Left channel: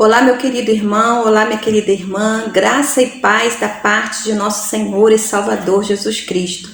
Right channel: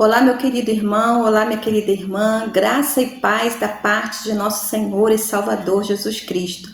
Olá, meu querido irmão, olá, minha querida irmã, graça e paz da parte de nosso Senhor e Salvador Jesus Cristo.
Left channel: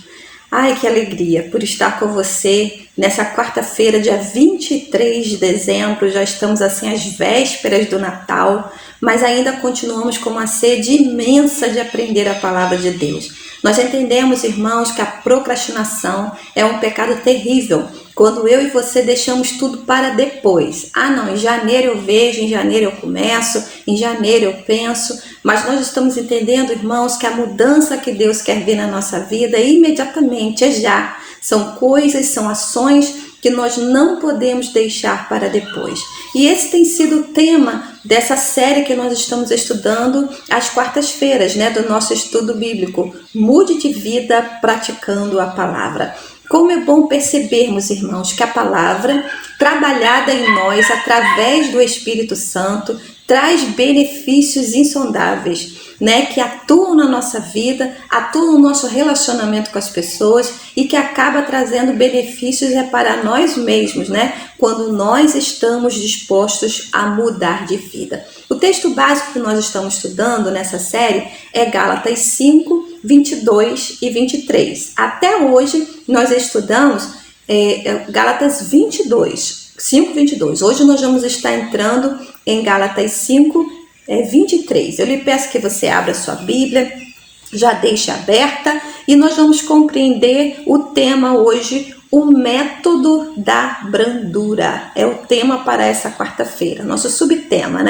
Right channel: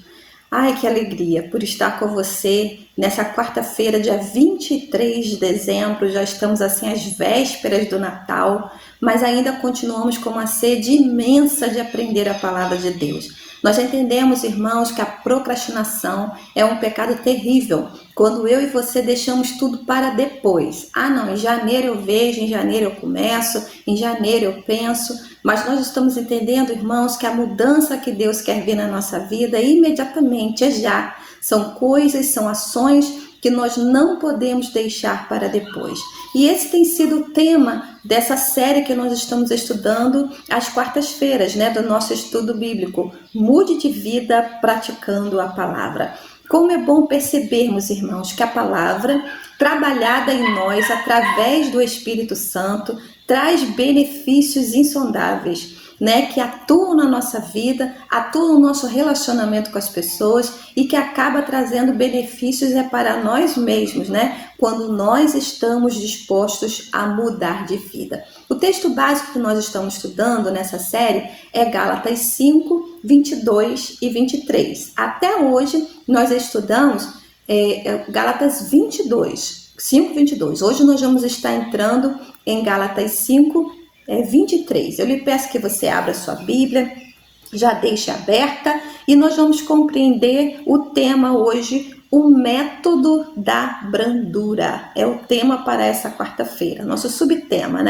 Ai, que alegria por estar com você nessa quarta-feira, dia 23 de dezembro. Já estamos assim às vésperas do Natal, mas ainda continuamos com uma sede imensa de aprender a palavra de Deus. Nós entendemos, irmãos, que a procrastinação é um pecado terrível, quando eu e você deixamos tudo para depois. Ah, não, em janeiro eu vejo, em janeiro eu começo, em janeiro eu penso, mas nós estamos entendendo, irmãos, que a mudança que Deus quer ver na nossa vida é imediatamente, é já. São coisas, são ações que nós não podemos deixar para depois. E esse tem sido o tema dessa série que nós estamos estudando às quartas-feiras, do nosso estudo bíblico. Mude de vida praticando a palavra. Como é bom percebermos, irmãos, que a palavra, trabalhada em nós através do Espírito Santo, traz benefícios insondáveis, que atuam na nossa vida, atuam no nosso relacionamento com as pessoas e que acaba trazendo benefícios para nós mesmos, quando nós estamos dispostos a mudar de vida. O texto básico que nós estamos estudando nessa série é Gálatas 5, 22 e 23. Até hoje nós estudamos Gálatas 5, 22. Hoje nós vamos estar entrando em Gálatas 5, 23. Eu lhe peço que você abra sua Bíblia, já deixe aberta e nós vamos compreender o tema hoje, o método da brandura. É o tema para essa quarta-feira, nosso subtema,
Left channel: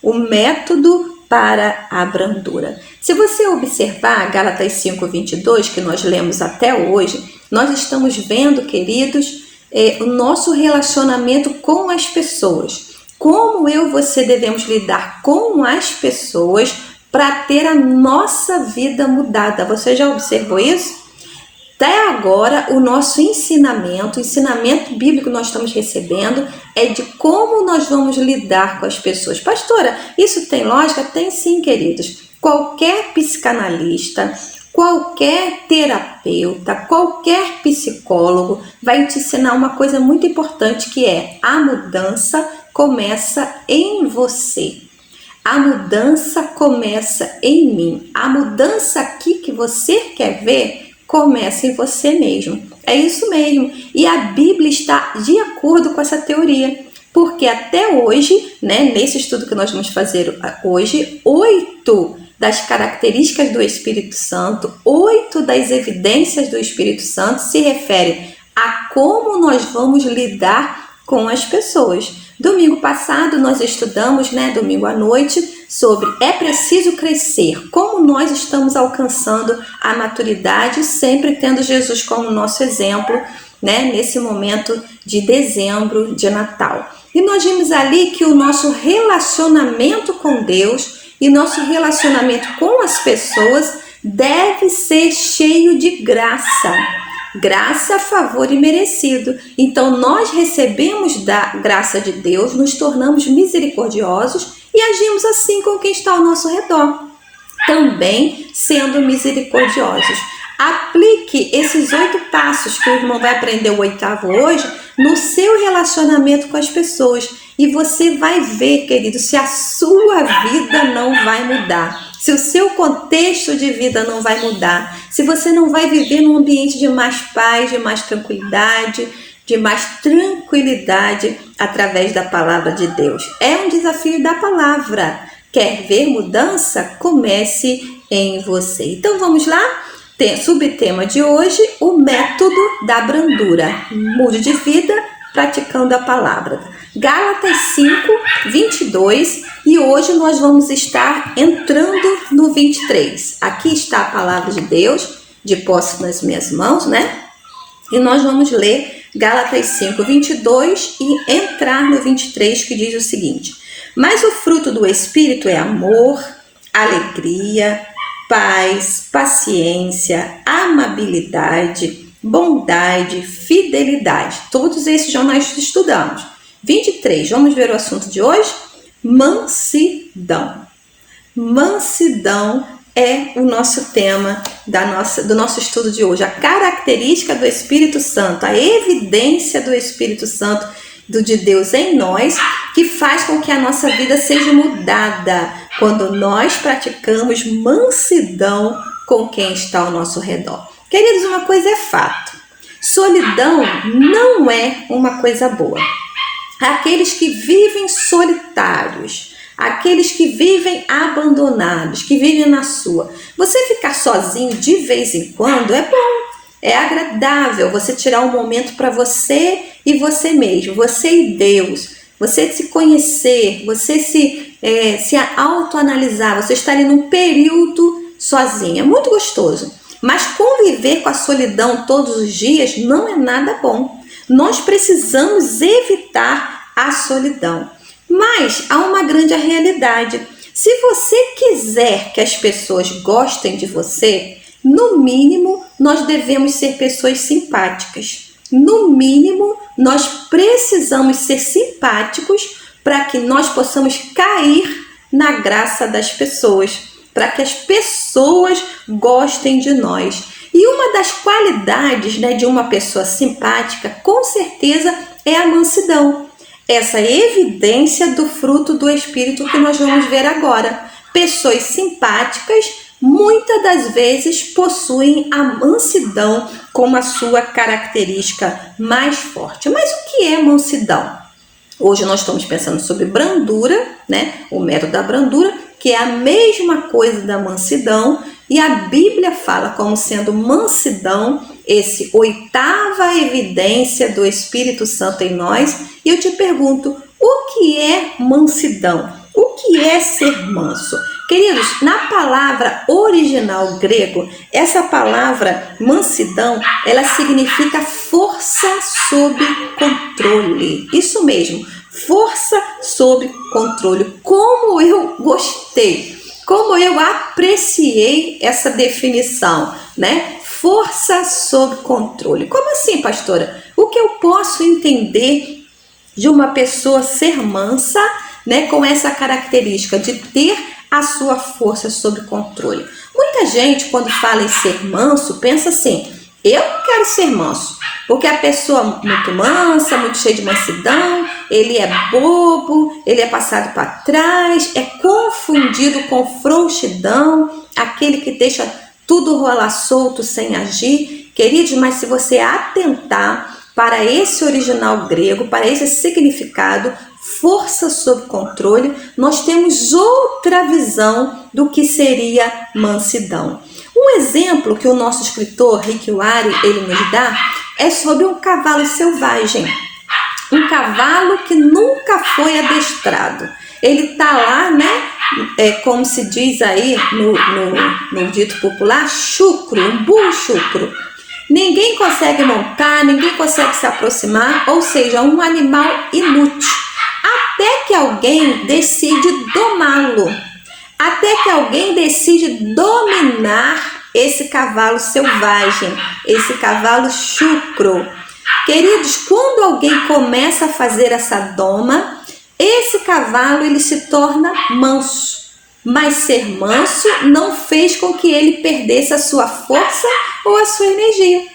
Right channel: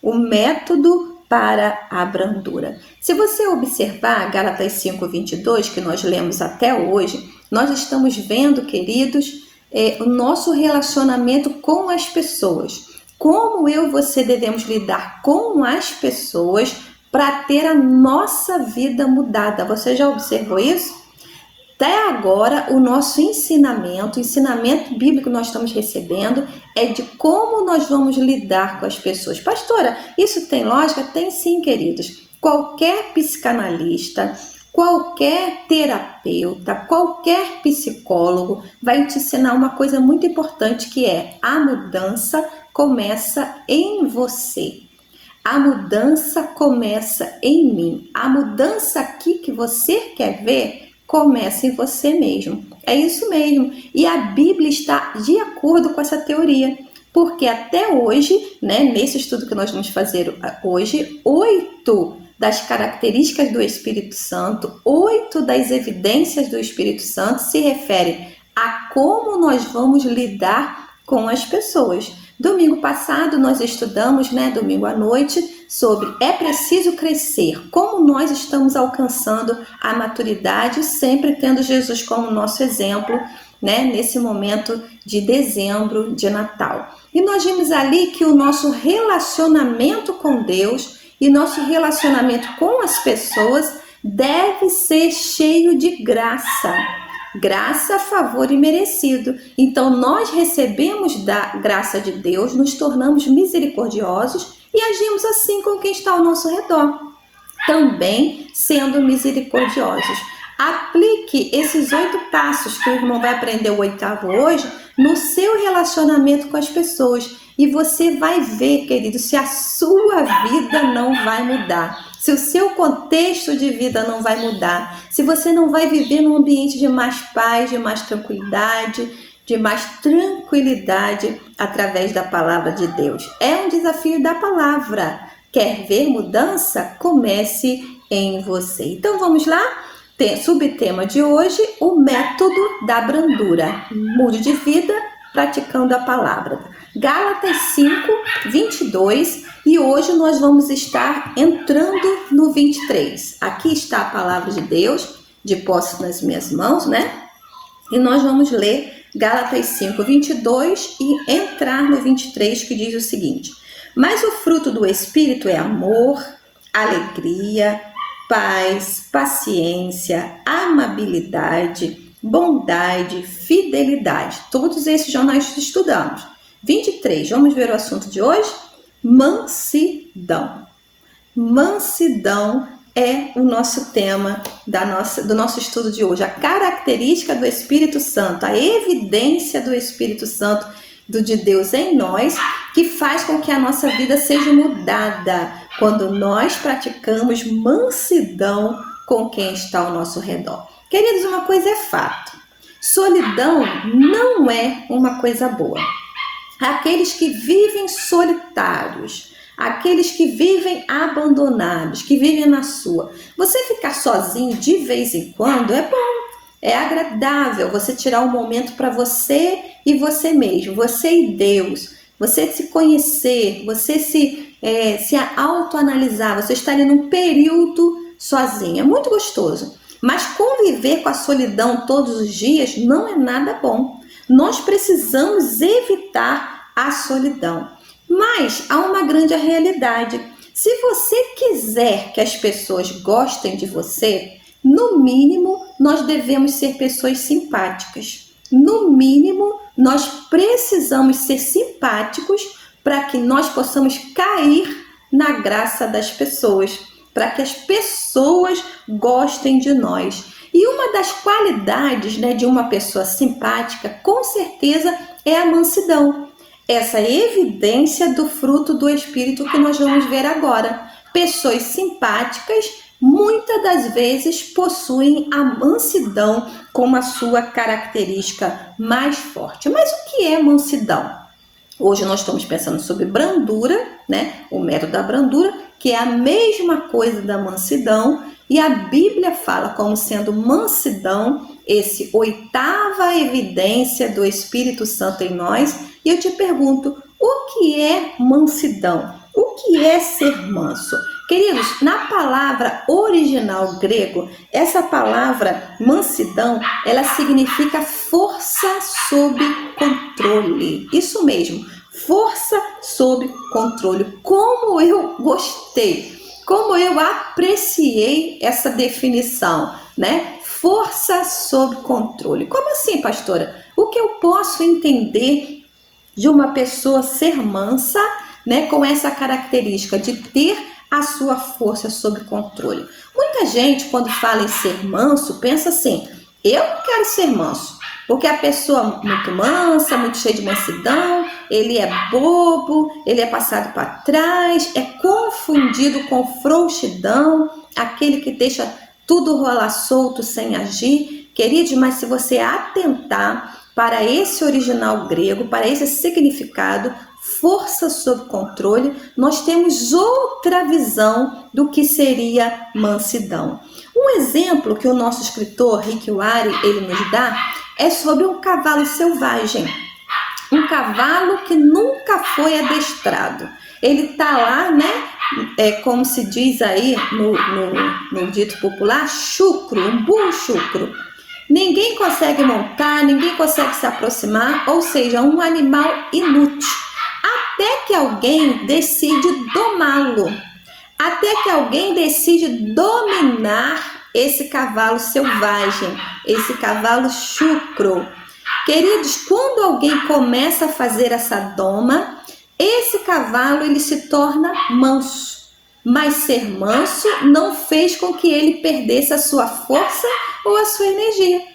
O método para a brandura. Se você observar Gálatas 5, 22, que nós lemos até hoje, nós estamos vendo, queridos, o nosso relacionamento com as pessoas. Como eu e você devemos lidar com as pessoas para ter a nossa vida mudada. Você já observou isso? Até agora, o nosso ensinamento, o ensinamento bíblico que nós estamos recebendo é de como nós vamos lidar com as pessoas. Pastora, isso tem lógica? Tem sim, queridos. Qualquer psicanalista, qualquer terapeuta, qualquer psicólogo vai te ensinar uma coisa muito importante, que é a mudança começa em você. A mudança começa em mim. A mudança aqui que você quer ver começa em você mesmo. É isso mesmo. E a Bíblia está de acordo com essa teoria. Porque até hoje, nesse estudo que nós vamos fazer hoje, 8 das características do Espírito Santo, 8 das evidências do Espírito Santo se referem a como nós vamos lidar com as pessoas. Domingo passado nós estudamos, domingo à noite, sobre é preciso crescer, como nós estamos alcançando a maturidade, sempre tendo Jesus como nosso exemplo, nesse momento de dezembro, de Natal. E nós vimos ali que o nosso relacionamento com Deus e nosso relacionamento com as pessoas deve ser cheio de graça. Graça, favor e merecido. Então nós recebemos da graça de Deus, nos tornamos misericordiosos e agimos assim com quem está ao nosso redor, também sendo misericordiosos. Aplique esses 8 passos que o irmão vai aprender o 8º hoje no seu relacionamento com as pessoas e você vai ver, querido, se a sua vida não vai mudar. Se o seu contexto de vida não vai mudar, se você não vai viver num ambiente de mais paz, de mais tranquilidade através da palavra de Deus. É um desafio da palavra. Quer ver mudança? Comece em você. Então vamos lá? Subtema de hoje, o método da brandura. Mude de vida praticando a palavra. Gálatas 5, 22 e hoje nós vamos estar entrando no 23. Aqui está a palavra de Deus, de posse nas minhas mãos, E nós vamos ler Gálatas 5, 22 e entrar no 23, que diz o seguinte: mas o fruto do Espírito é amor, alegria, paz, paciência, amabilidade, bondade, fidelidade. Todos esses já nós estudamos. 23, vamos ver o assunto de hoje? Mansidão. Mansidão é o nosso tema do nosso estudo de hoje. A característica do Espírito Santo, a evidência do Espírito Santo de Deus em nós, que faz com que a nossa vida seja mudada quando nós praticamos mansidão com quem está ao nosso redor. Queridos, uma coisa é fato: solidão não é uma coisa boa. Aqueles que vivem solitários, aqueles que vivem abandonados, que vivem na sua. Você ficar sozinho de vez em quando é bom, é agradável você tirar um momento para você e você mesmo, você e Deus, você se conhecer, você se autoanalisar, você estar ali num período sozinho. É muito gostoso, mas conviver com a solidão todos os dias não é nada bom. Nós precisamos evitar a solidão. Mas há uma grande realidade. Se você quiser que as pessoas gostem de você, no mínimo nós devemos ser pessoas simpáticas. No mínimo nós precisamos ser simpáticos para que nós possamos cair na graça das pessoas, para que as pessoas gostem de nós. E uma das qualidades, de uma pessoa simpática, com certeza, é a mansidão. Essa evidência do fruto do Espírito que nós vamos ver agora. Pessoas simpáticas, muitas das vezes, possuem a mansidão como a sua característica mais forte. Mas o que é mansidão? Hoje nós estamos pensando sobre brandura, o método da brandura, que é a mesma coisa da mansidão, e a Bíblia fala como sendo mansidão, esse oitava evidência do Espírito Santo em nós. E eu te pergunto, o que é mansidão? O que é ser manso? Queridos, na palavra original grego, essa palavra mansidão, ela significa força sob controle. Isso mesmo, força sob controle. Como eu gostei! Como eu apreciei essa definição, Força sob controle. Como assim, pastora? O que eu posso entender de uma pessoa ser mansa, com essa característica de ter a sua força sob controle? Muita gente, quando fala em ser manso, pensa assim: eu não quero ser manso, porque a pessoa muito mansa, muito cheia de mansidão, ele é bobo, ele é passado para trás, é confundido com frouxidão, aquele que deixa tudo rolar solto sem agir. Queridos, mas se você atentar para esse original grego, para esse significado, força sob controle, nós temos outra visão do que seria mansidão. Um exemplo que o nosso escritor Rick Warren, ele nos dá é sobre um cavalo selvagem. Um cavalo que nunca foi adestrado. Ele está lá, como se diz aí no dito popular, chucro, um burro chucro. Ninguém consegue montar, ninguém consegue se aproximar, ou seja, um animal inútil. Até que alguém decide domá-lo. Até que alguém decide dominar esse cavalo selvagem, esse cavalo chucro. Queridos, quando alguém começa a fazer essa doma, esse cavalo ele se torna manso. Mas ser manso não fez com que ele perdesse a sua força ou a sua energia.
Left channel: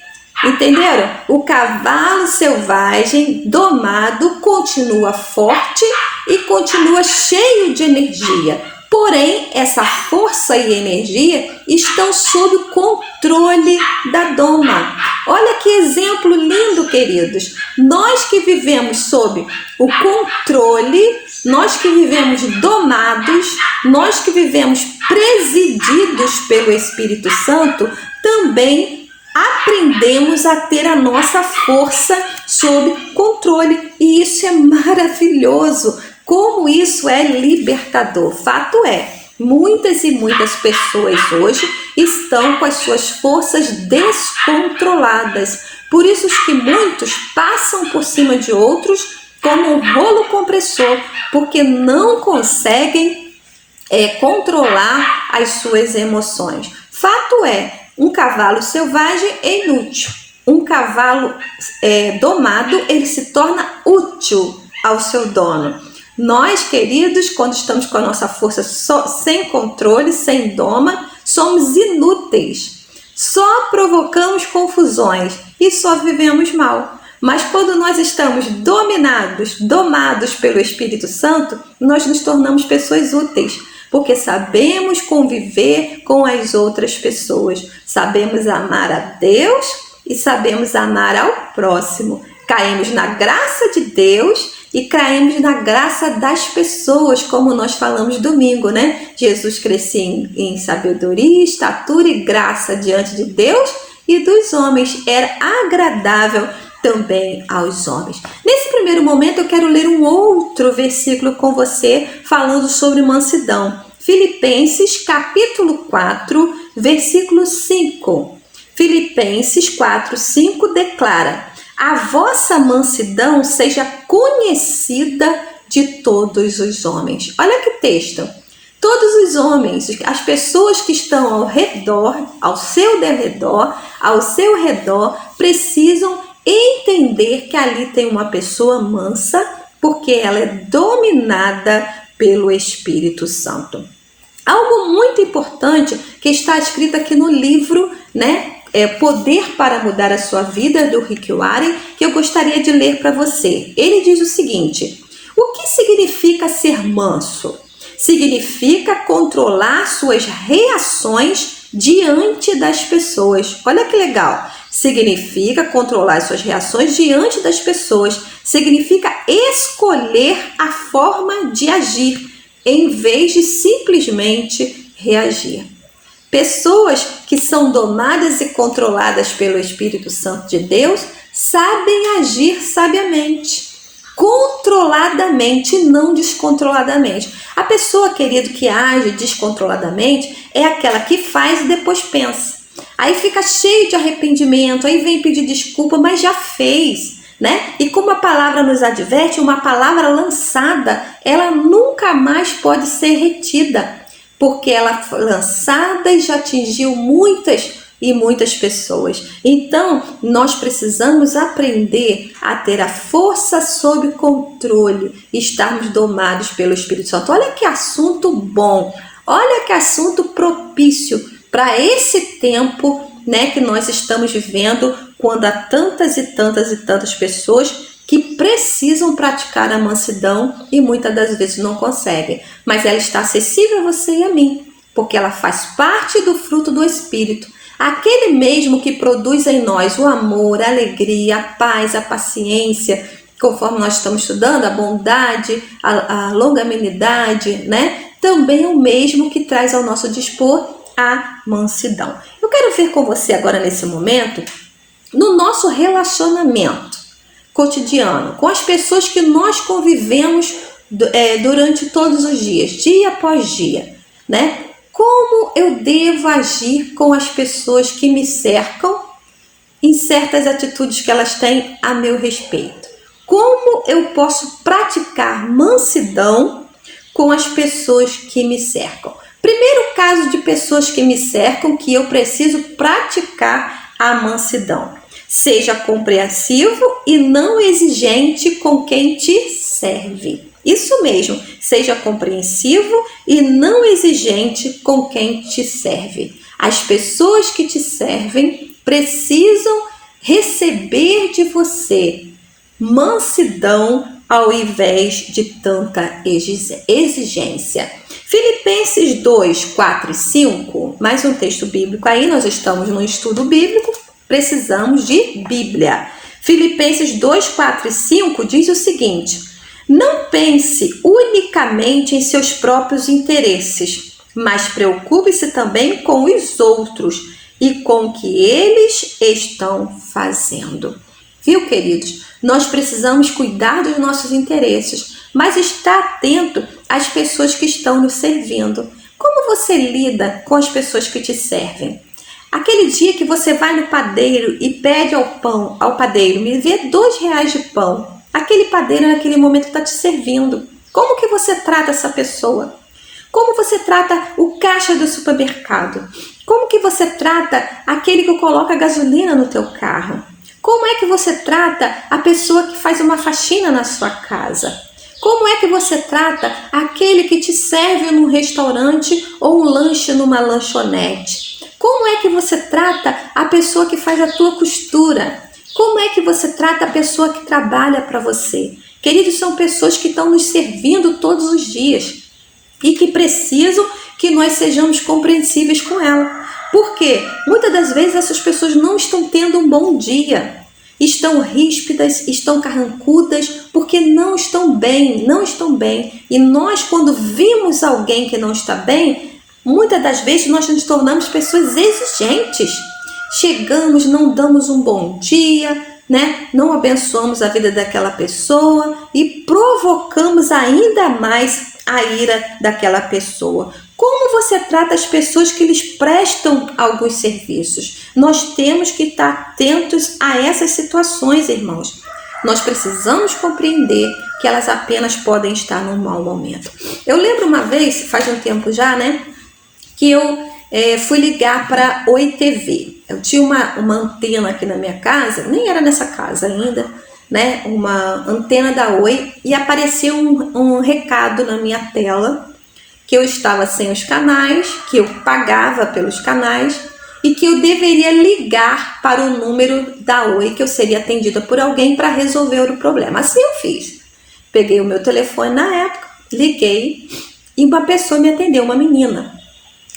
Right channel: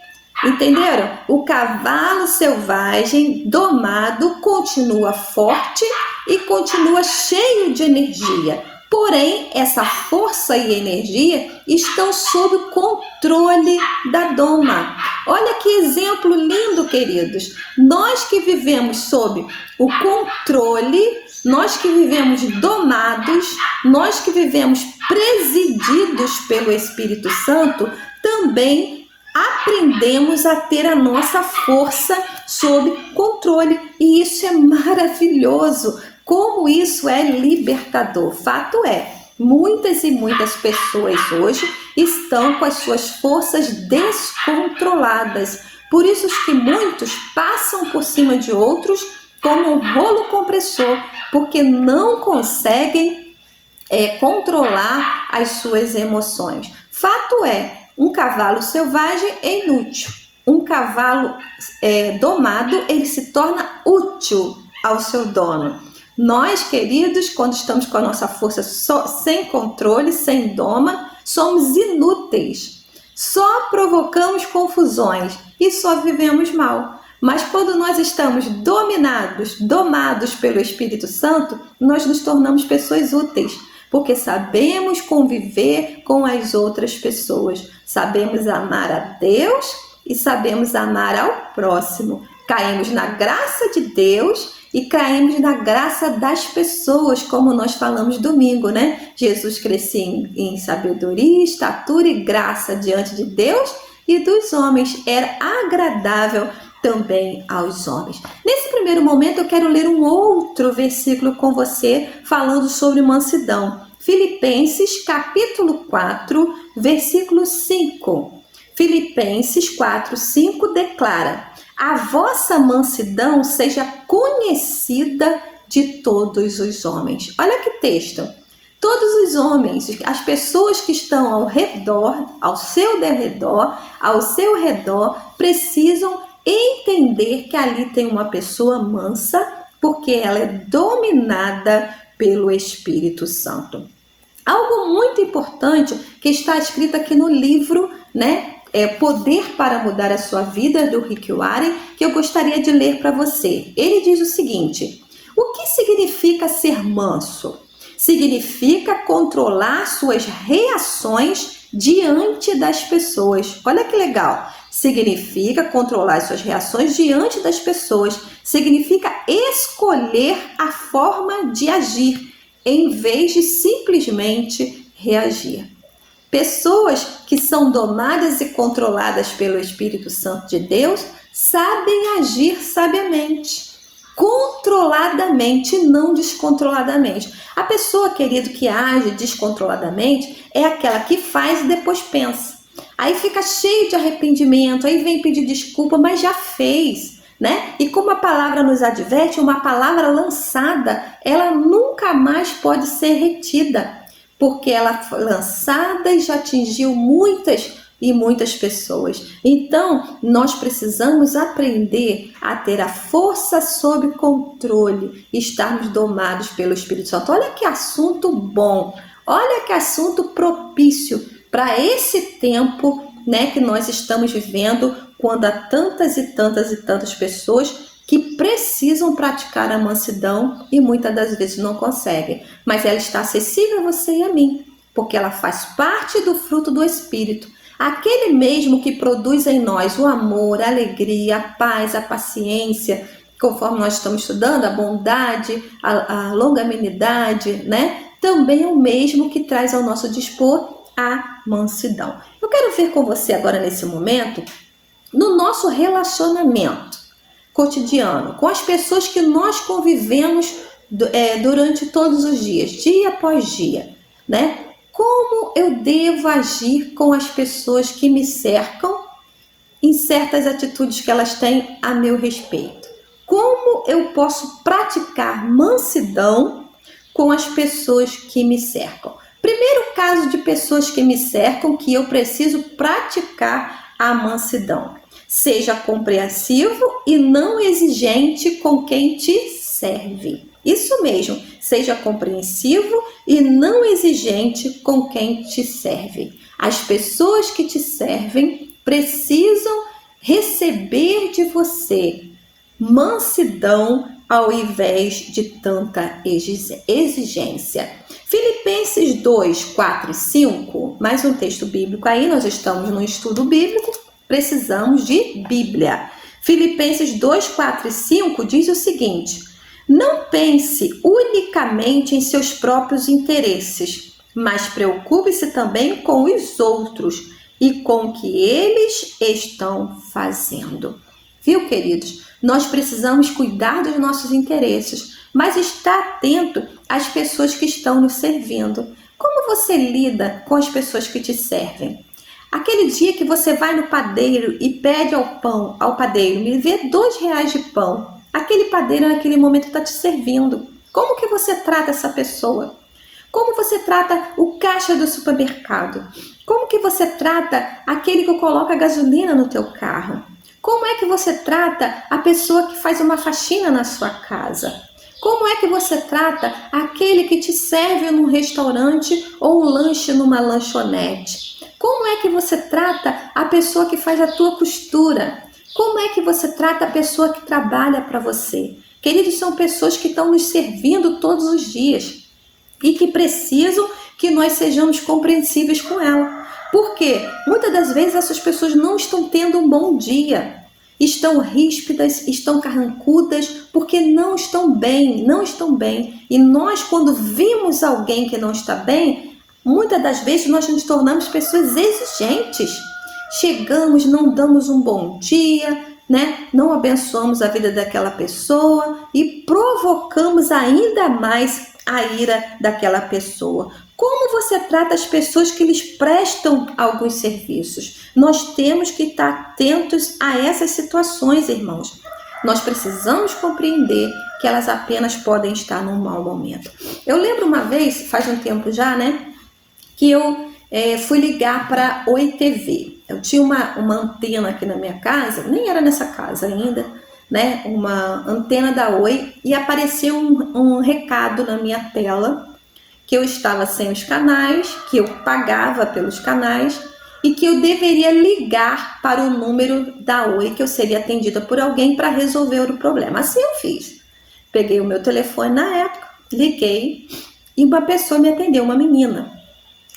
Entenderam? O cavalo selvagem domado continua forte e continua cheio de energia. Porém, essa força e energia estão sob controle da doma. Olha que exemplo lindo, queridos. Nós que vivemos sob o controle, nós que vivemos domados, nós que vivemos presididos pelo Espírito Santo, também aprendemos a ter a nossa força sob controle. E isso é maravilhoso. Como isso é libertador. Fato é, muitas e muitas pessoas hoje estão com as suas forças descontroladas. Por isso que muitos passam por cima de outros como um rolo compressor, porque não conseguem controlar as suas emoções. Fato é, um cavalo selvagem é inútil. Um cavalo domado, ele se torna útil ao seu dono. Nós, queridos, quando estamos com a nossa força sem controle, sem doma, somos inúteis. Só provocamos confusões e só vivemos mal. Mas quando nós estamos domados pelo Espírito Santo, nós nos tornamos pessoas úteis, porque sabemos conviver com as outras pessoas, sabemos amar a Deus e sabemos amar ao próximo. Caímos na graça de Deus e caímos na graça das pessoas, como nós falamos domingo, né? Jesus crescia em sabedoria, estatura e graça diante de Deus e dos homens. Era agradável também aos homens. Nesse primeiro momento eu quero ler um outro versículo com você falando sobre mansidão. Filipenses capítulo 4, versículo 5. Filipenses 4, 5 declara: a vossa mansidão seja conhecida de todos os homens. Olha que texto. Todos os homens, as pessoas que estão ao redor, ao seu redor, precisam entender que ali tem uma pessoa mansa, porque ela é dominada pelo Espírito Santo. Algo muito importante que está escrito aqui no livro, né? Poder para Mudar a Sua Vida, do Rick Warren, que eu gostaria de ler para você. Ele diz o seguinte: o que significa ser manso? Significa controlar suas reações diante das pessoas. Olha que legal! Significa controlar suas reações diante das pessoas. Significa escolher a forma de agir, em vez de simplesmente reagir. Pessoas que são domadas e controladas pelo Espírito Santo de Deus sabem agir sabiamente, controladamente, não descontroladamente. A pessoa, querido, que age descontroladamente é aquela que faz e depois pensa. Aí fica cheio de arrependimento, aí vem pedir desculpa, mas já fez, né? E como a palavra nos adverte, uma palavra lançada, ela nunca mais pode ser retida, porque ela foi lançada e já atingiu muitas pessoas. Então, nós precisamos aprender a ter a força sob controle, estarmos domados pelo Espírito Santo. Olha que assunto bom, olha que assunto propício para esse tempo, né, que nós estamos vivendo, quando há tantas e tantas pessoas que precisam praticar a mansidão e muitas das vezes não conseguem. Mas ela está acessível a você e a mim, porque ela faz parte do fruto do Espírito. Aquele mesmo que produz em nós o amor, a alegria, a paz, a paciência, conforme nós estamos estudando, a bondade, a longanimidade, né? Também é o mesmo que traz ao nosso dispor a mansidão. Eu quero ver com você agora nesse momento, no nosso relacionamento cotidiano, com as pessoas que nós convivemos durante todos os dias, dia após dia, né? Como eu devo agir com as pessoas que me cercam em certas atitudes que elas têm a meu respeito? Como eu posso praticar mansidão com as pessoas que me cercam? Primeiro caso de pessoas que me cercam que eu preciso praticar a mansidão. Seja compreensivo e não exigente com quem te serve. Isso mesmo, seja compreensivo e não exigente com quem te serve. As pessoas que te servem precisam receber de você mansidão ao invés de tanta exigência. Filipenses 2, 4 e 5, mais um texto bíblico aí, nós estamos no estudo bíblico, precisamos de Bíblia. Filipenses 2, 4 e 5 diz o seguinte: não pense unicamente em seus próprios interesses, mas preocupe-se também com os outros e com o que eles estão fazendo. Viu, queridos? Nós precisamos cuidar dos nossos interesses, mas estar atento às pessoas que estão nos servindo. Como você lida com as pessoas que te servem? Aquele dia que você vai no padeiro e pede ao padeiro, me vê R$2 de pão. Aquele padeiro naquele momento está te servindo. Como que você trata essa pessoa? Como você trata o caixa do supermercado? Como que você trata aquele que coloca gasolina no teu carro? Como é que você trata a pessoa que faz uma faxina na sua casa? Como é que você trata aquele que te serve num restaurante ou um lanche numa lanchonete? Como é que você trata a pessoa que faz a tua costura? Como é que você trata a pessoa que trabalha para você? Queridos, são pessoas que estão nos servindo todos os dias e que precisam que nós sejamos compreensíveis com ela. Porque muitas das vezes essas pessoas não estão tendo um bom dia, estão ríspidas, estão carrancudas, porque não estão bem, não estão bem. E nós, quando vimos alguém que não está bem, muitas das vezes nós nos tornamos pessoas exigentes. Chegamos, não damos um bom dia, né? Não abençoamos a vida daquela pessoa e provocamos ainda mais a ira daquela pessoa. Como você trata as pessoas que lhes prestam alguns serviços? Nós temos que estar atentos a essas situações, irmãos. Nós precisamos compreender que elas apenas podem estar num mau momento. Eu lembro uma vez, faz um tempo já, né? Que eu fui ligar para Oi TV. Eu tinha uma antena aqui na minha casa, nem era nessa casa ainda, né? Uma antena da Oi, e apareceu um recado na minha tela que eu estava sem os canais, que eu pagava pelos canais e que eu deveria ligar para o número da Oi, que eu seria atendida por alguém para resolver o problema. Assim eu fiz. Peguei o meu telefone na época, liguei e uma pessoa me atendeu, uma menina.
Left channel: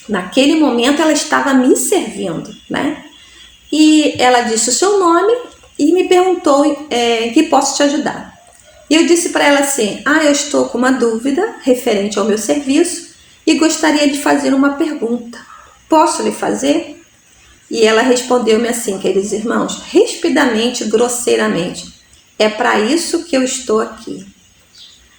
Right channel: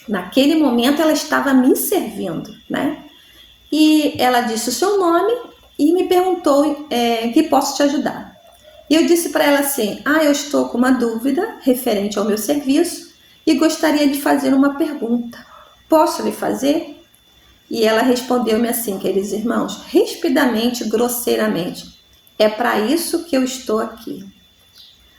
Naquele momento ela estava me servindo, né? E ela disse o seu nome e me perguntou em que posso te ajudar. E eu disse para ela assim, eu estou com uma dúvida referente ao meu serviço e gostaria de fazer uma pergunta. Posso lhe fazer? E ela respondeu-me assim, queridos irmãos, rispidamente, grosseiramente, é para isso que eu estou aqui.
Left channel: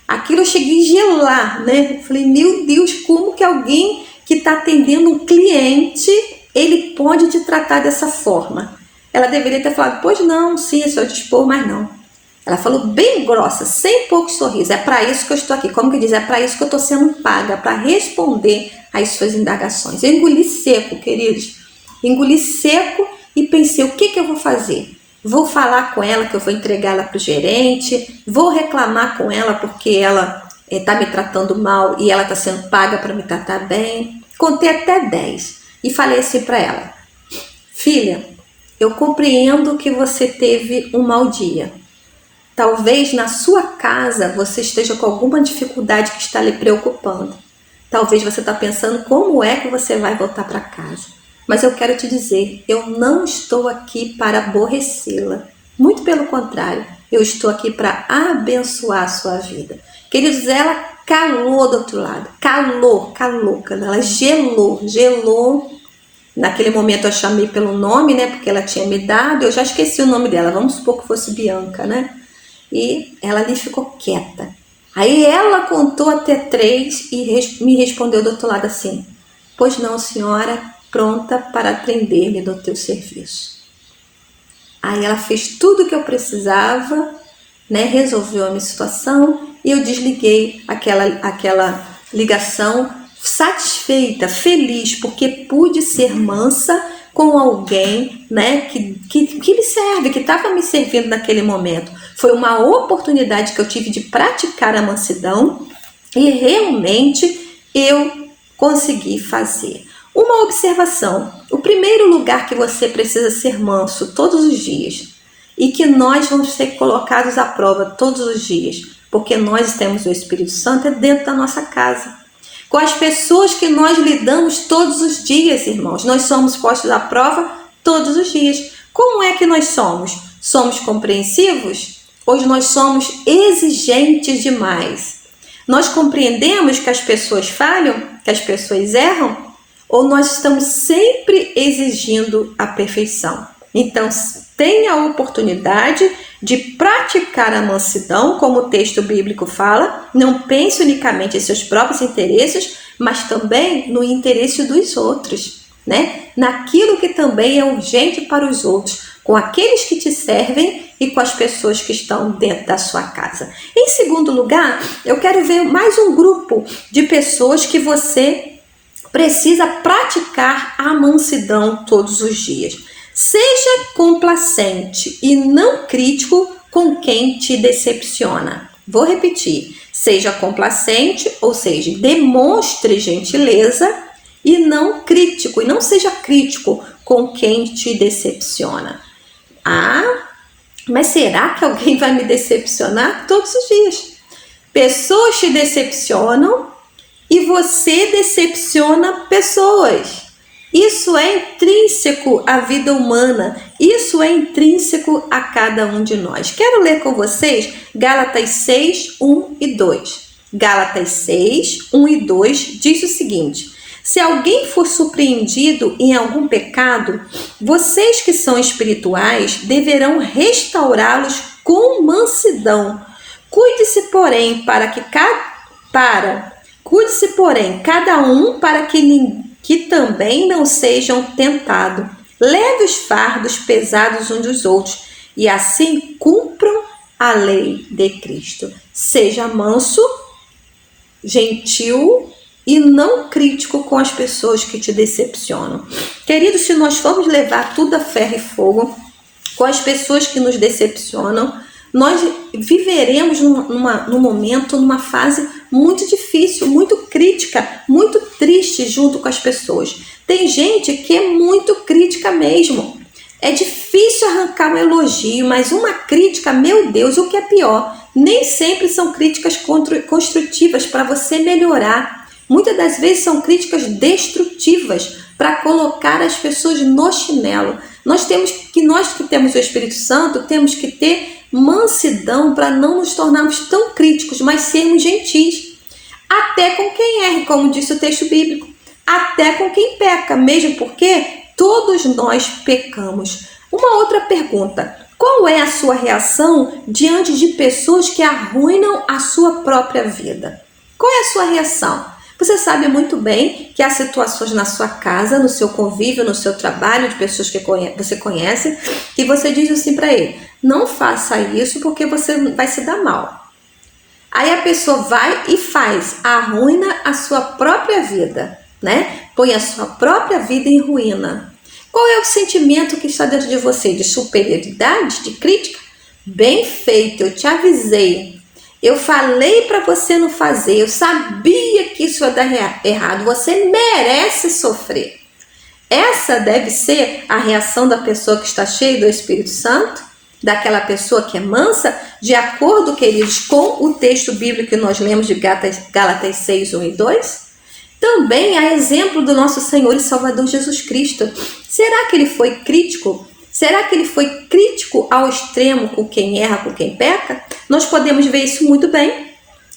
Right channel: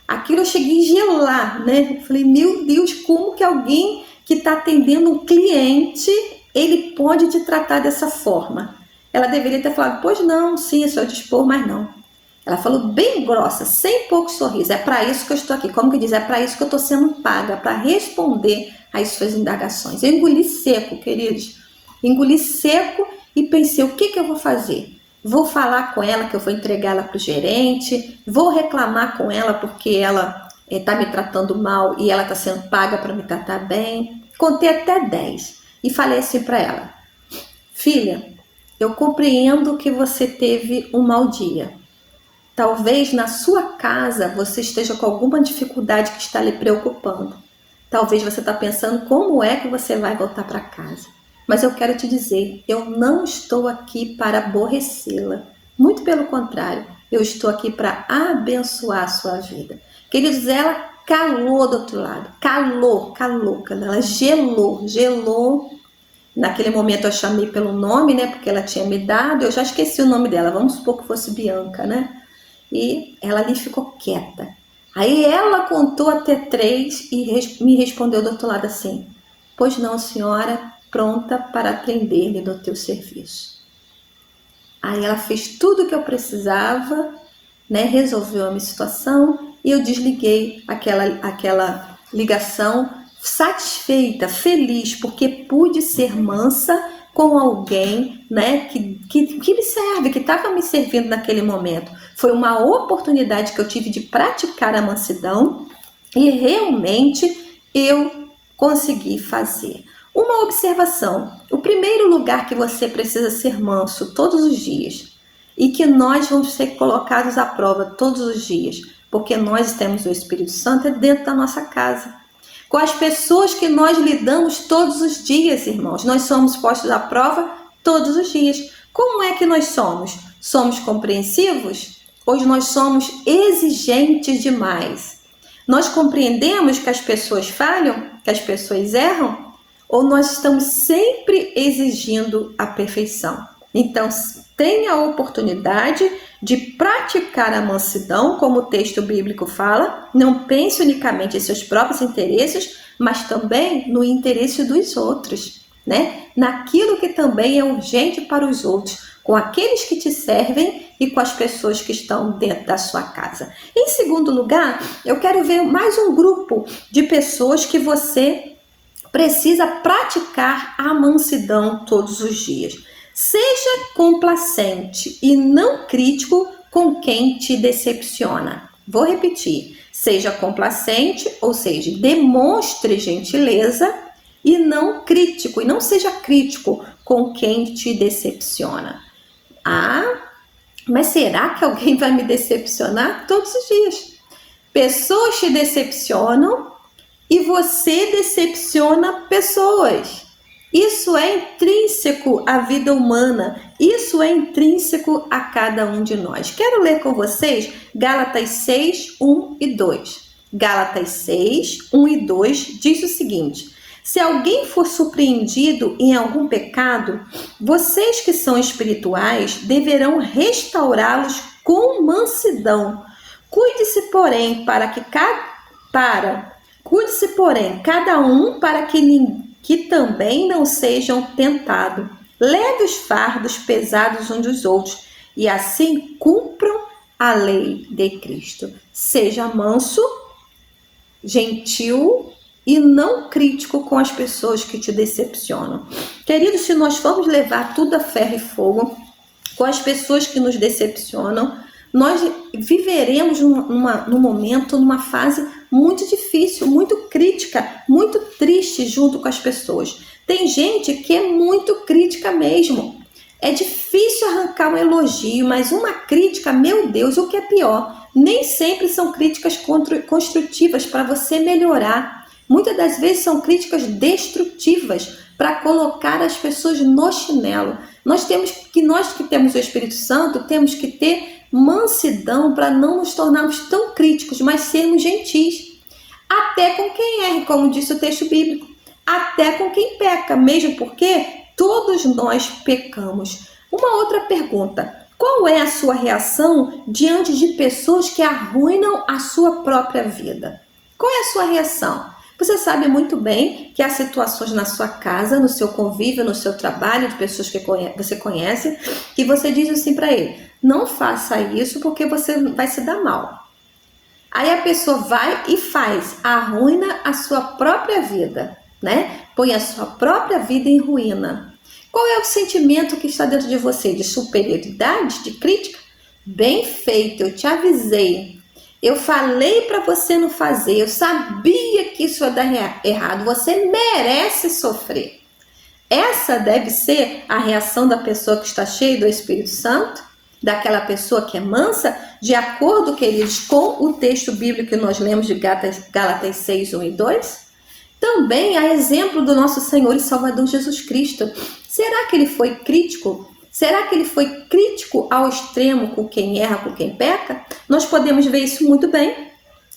Aquilo eu cheguei a gelar, né? Falei, meu Deus, como que alguém que está atendendo um cliente, ele pode te tratar dessa forma? Ela deveria ter falado, pois não, sim, é seu dispor, mas não. Ela falou bem grossa, sem pouco sorriso, é para isso que eu estou aqui. Como que diz? É para isso que eu estou sendo paga, para responder às suas indagações. Eu engoli seco, queridos. Engoli seco e pensei, o que eu vou fazer? Vou falar com ela que eu vou entregar ela para o gerente, vou reclamar com ela porque ela está me tratando mal e ela está sendo paga para me tratar bem. Contei até 10 e falei assim para ela, filha, eu compreendo que você teve um mau dia. Talvez na sua casa você esteja com alguma dificuldade que está lhe preocupando. Talvez você está pensando como é que você vai voltar para casa. Mas eu quero te dizer, eu não estou aqui para aborrecê-la. Muito pelo contrário, eu estou aqui para abençoar a sua vida. Queridos, ela calou do outro lado. Calou. Ela gelou. Naquele momento eu chamei pelo nome, né? Porque ela tinha me dado, eu já esqueci o nome dela. Vamos supor que fosse Bianca, né? E ela ali ficou quieta. Aí ela contou até 3 e me respondeu do outro lado assim, pois não, senhora, pronta para atender-lhe no teu serviço. Aí ela fez tudo o que eu precisava, né? Resolveu a minha situação e eu desliguei aquela ligação satisfeita, feliz, porque pude ser mansa com alguém, né, que me serve, que estava me servindo naquele momento. Foi uma oportunidade que eu tive de praticar a mansidão e realmente eu consegui fazer. Uma observação, o primeiro lugar que você precisa ser manso todos os dias e que nós vamos ser colocados à prova todos os dias, porque nós temos o Espírito Santo é dentro da nossa casa. Com as pessoas que nós lidamos todos os dias, irmãos, nós somos postos à prova todos os dias. Como é que nós somos? Somos compreensivos? Ou nós somos exigentes demais? Nós compreendemos que as pessoas falham, que as pessoas erram? Ou nós estamos sempre exigindo a perfeição? Então, tenha a oportunidade de praticar a mansidão, como o texto bíblico fala, não pense unicamente em seus próprios interesses, mas também no interesse dos outros, né? Naquilo que também é urgente para os outros, com aqueles que te servem e com as pessoas que estão dentro da sua casa. Em segundo lugar, eu quero ver mais um grupo de pessoas que você precisa praticar a mansidão todos os dias. Seja complacente e não crítico com quem te decepciona. Vou repetir. Seja complacente, ou seja, demonstre gentileza e não crítico. E não seja crítico com quem te decepciona. Mas será que alguém vai me decepcionar? Todos os dias. Pessoas te decepcionam e você decepciona pessoas. Isso é intrínseco à vida humana, isso é intrínseco a cada um de nós. Quero ler com vocês Gálatas 6, 1 e 2. Gálatas 6, 1 e 2 diz o seguinte: se alguém for surpreendido em algum pecado, vocês que são espirituais deverão restaurá-los com mansidão. Cuide-se, porém, cada um para que também não sejam tentados. Leve os fardos pesados uns dos outros e assim cumpram a lei de Cristo. Seja manso, gentil e não crítico com as pessoas que te decepcionam. Queridos, se nós formos levar tudo a ferro e fogo com as pessoas que nos decepcionam, nós viveremos num momento, numa fase muito difícil, muito crítica, muito triste junto com as pessoas. Tem gente que é muito crítica mesmo. É difícil arrancar um elogio, mas uma crítica, meu Deus, o que é pior, nem sempre são críticas construtivas para você melhorar. Muitas das vezes são críticas destrutivas para colocar as pessoas no chinelo. Nós que temos o Espírito Santo, temos que ter mansidão para não nos tornarmos tão críticos, mas sermos gentis. Até com quem erra, como disse o texto bíblico. Até com quem peca, mesmo porque todos nós pecamos. Uma outra pergunta: qual é a sua reação diante de pessoas que arruinam a sua própria vida? Qual é a sua reação? Você sabe muito bem que há situações na sua casa, no seu convívio, no seu trabalho, de pessoas que você conhece, e você diz assim para ele: não faça isso porque você vai se dar mal. Aí a pessoa vai e faz, arruina a sua própria vida, né? Põe a sua própria vida em ruína. Qual é o sentimento que está dentro de você? De superioridade? De crítica? Bem feito, eu te avisei. Eu falei para você não fazer, eu sabia que isso ia dar errado, você merece sofrer. Essa deve ser a reação da pessoa que está cheia do Espírito Santo, daquela pessoa que é mansa, de acordo, queridos, com o texto bíblico que nós lemos de Gálatas 6, 1 e 2. Também há exemplo do nosso Senhor e Salvador Jesus Cristo. Será que ele foi crítico? Será que ele foi crítico ao extremo com quem erra, com quem peca? Nós podemos ver isso muito bem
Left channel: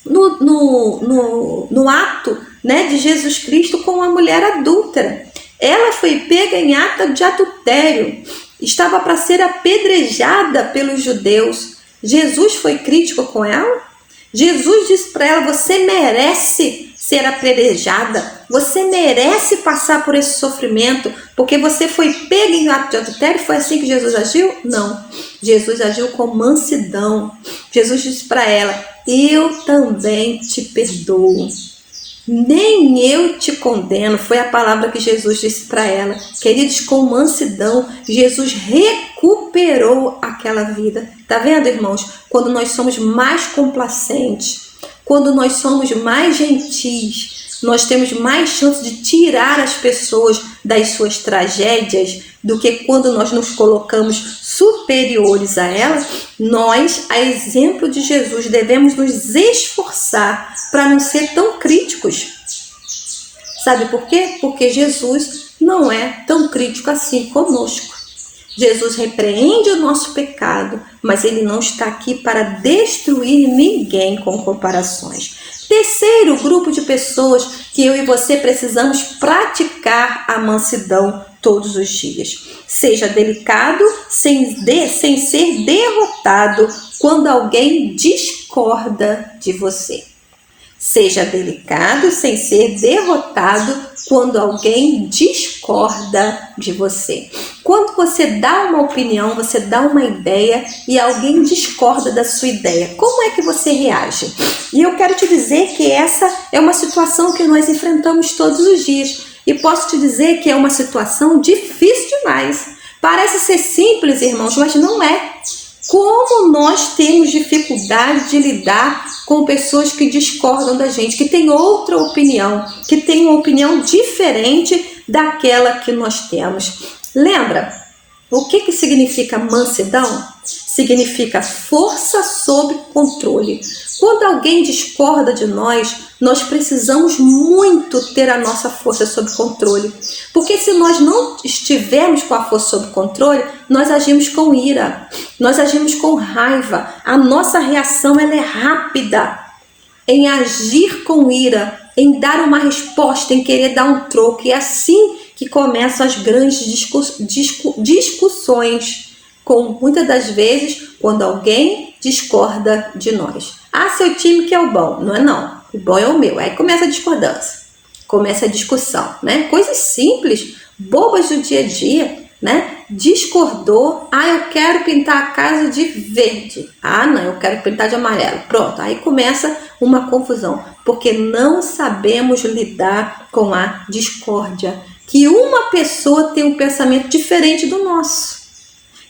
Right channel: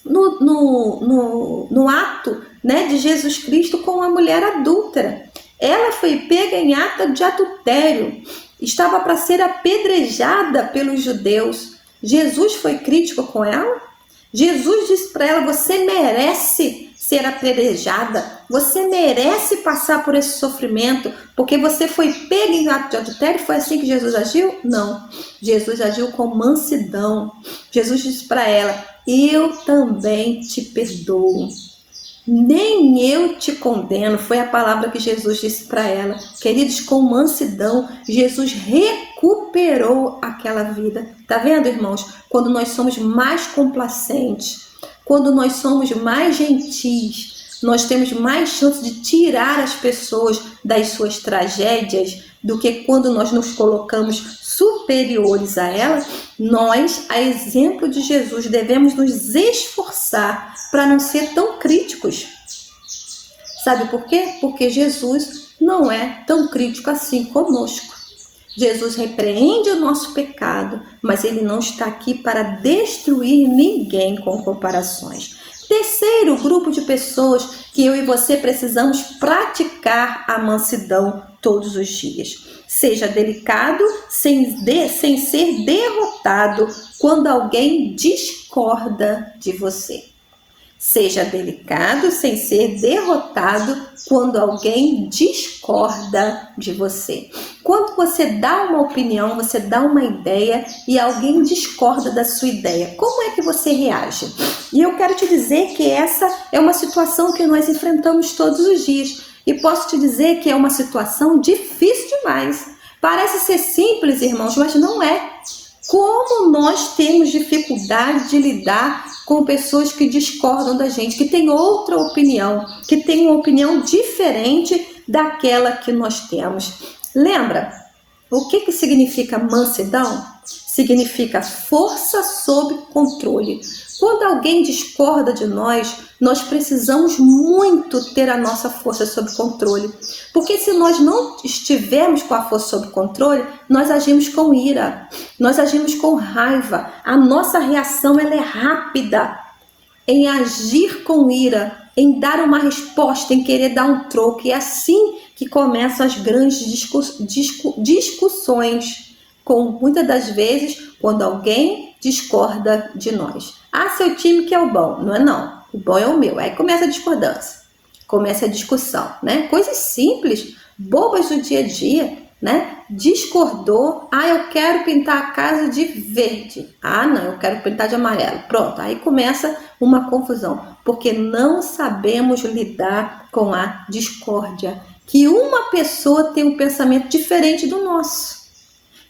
no ato, né, de Jesus Cristo com a mulher adúltera. Ela foi pega em ato de adultério, estava para ser apedrejada pelos judeus. Jesus foi crítico com ela? Jesus disse para ela: você merece ser apedrejada, você merece passar por esse sofrimento, porque você foi pega em ato de adultério. Foi assim que Jesus agiu? Não. Jesus agiu com mansidão. Jesus disse para ela: eu também te perdoo. Nem eu te condeno. Foi a palavra que Jesus disse para ela. Queridos, com mansidão, Jesus recuperou aquela vida. Tá vendo, irmãos? Quando nós somos mais complacentes, quando nós somos mais gentis, nós temos mais chance de tirar as pessoas das suas tragédias do que quando nós nos colocamos superiores a elas. Nós, a exemplo de Jesus, devemos nos esforçar para não ser tão críticos. Sabe por quê? Porque Jesus não é tão crítico assim conosco. Jesus repreende o nosso pecado, mas ele não está aqui para destruir ninguém com comparações. Terceiro grupo de pessoas que eu e você precisamos praticar a mansidão todos os dias. Seja delicado sem ser derrotado quando alguém discorda de você. Seja delicado sem ser derrotado quando alguém discorda de você. Quando você dá uma opinião, você dá uma ideia e alguém discorda da sua ideia, como é que você reage? E eu quero te dizer que essa é uma situação que nós enfrentamos todos os dias. E posso te dizer que é uma situação difícil demais. Parece ser simples, irmãos, mas não é. Como nós temos dificuldade de lidar com pessoas que discordam da gente, que têm outra opinião, que têm uma opinião diferente daquela que nós temos. Lembra? O que significa mansidão? significa força sob controle. Quando alguém discorda de nós, nós precisamos muito ter a nossa força sob controle. Porque se nós não estivermos com a força sob controle, nós agimos com ira, nós agimos com raiva. A nossa reação ela é rápida em agir com ira, em dar uma resposta, em querer dar um troco. E é assim que começam as grandes discussões, com muitas das vezes quando alguém discorda de nós. Ah, seu time que é o bom. Não é não. O bom é o meu. Aí começa a discordância, começa a discussão, né? Coisas simples, bobas do dia a dia, né? Discordou. Ah, eu quero pintar a casa de verde. Ah, não, eu quero pintar de amarelo. Pronto, aí começa uma confusão, porque não sabemos lidar com a discórdia. Que uma pessoa tem um pensamento diferente do nosso.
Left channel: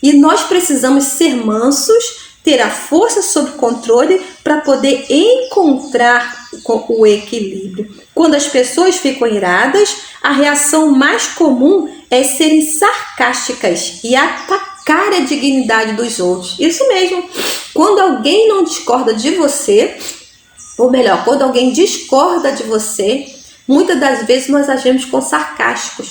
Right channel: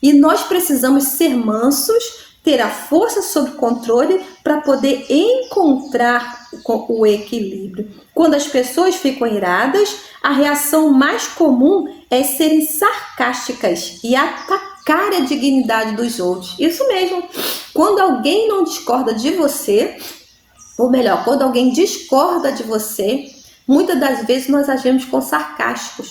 E nós precisamos ser mansos, ter a força sob controle para poder encontrar o equilíbrio. Quando as pessoas ficam iradas, a reação mais comum é serem sarcásticas e atacar a dignidade dos outros. Isso mesmo. Quando alguém não discorda de você, ou melhor, quando alguém discorda de você, muitas das vezes nós agimos com sarcasmo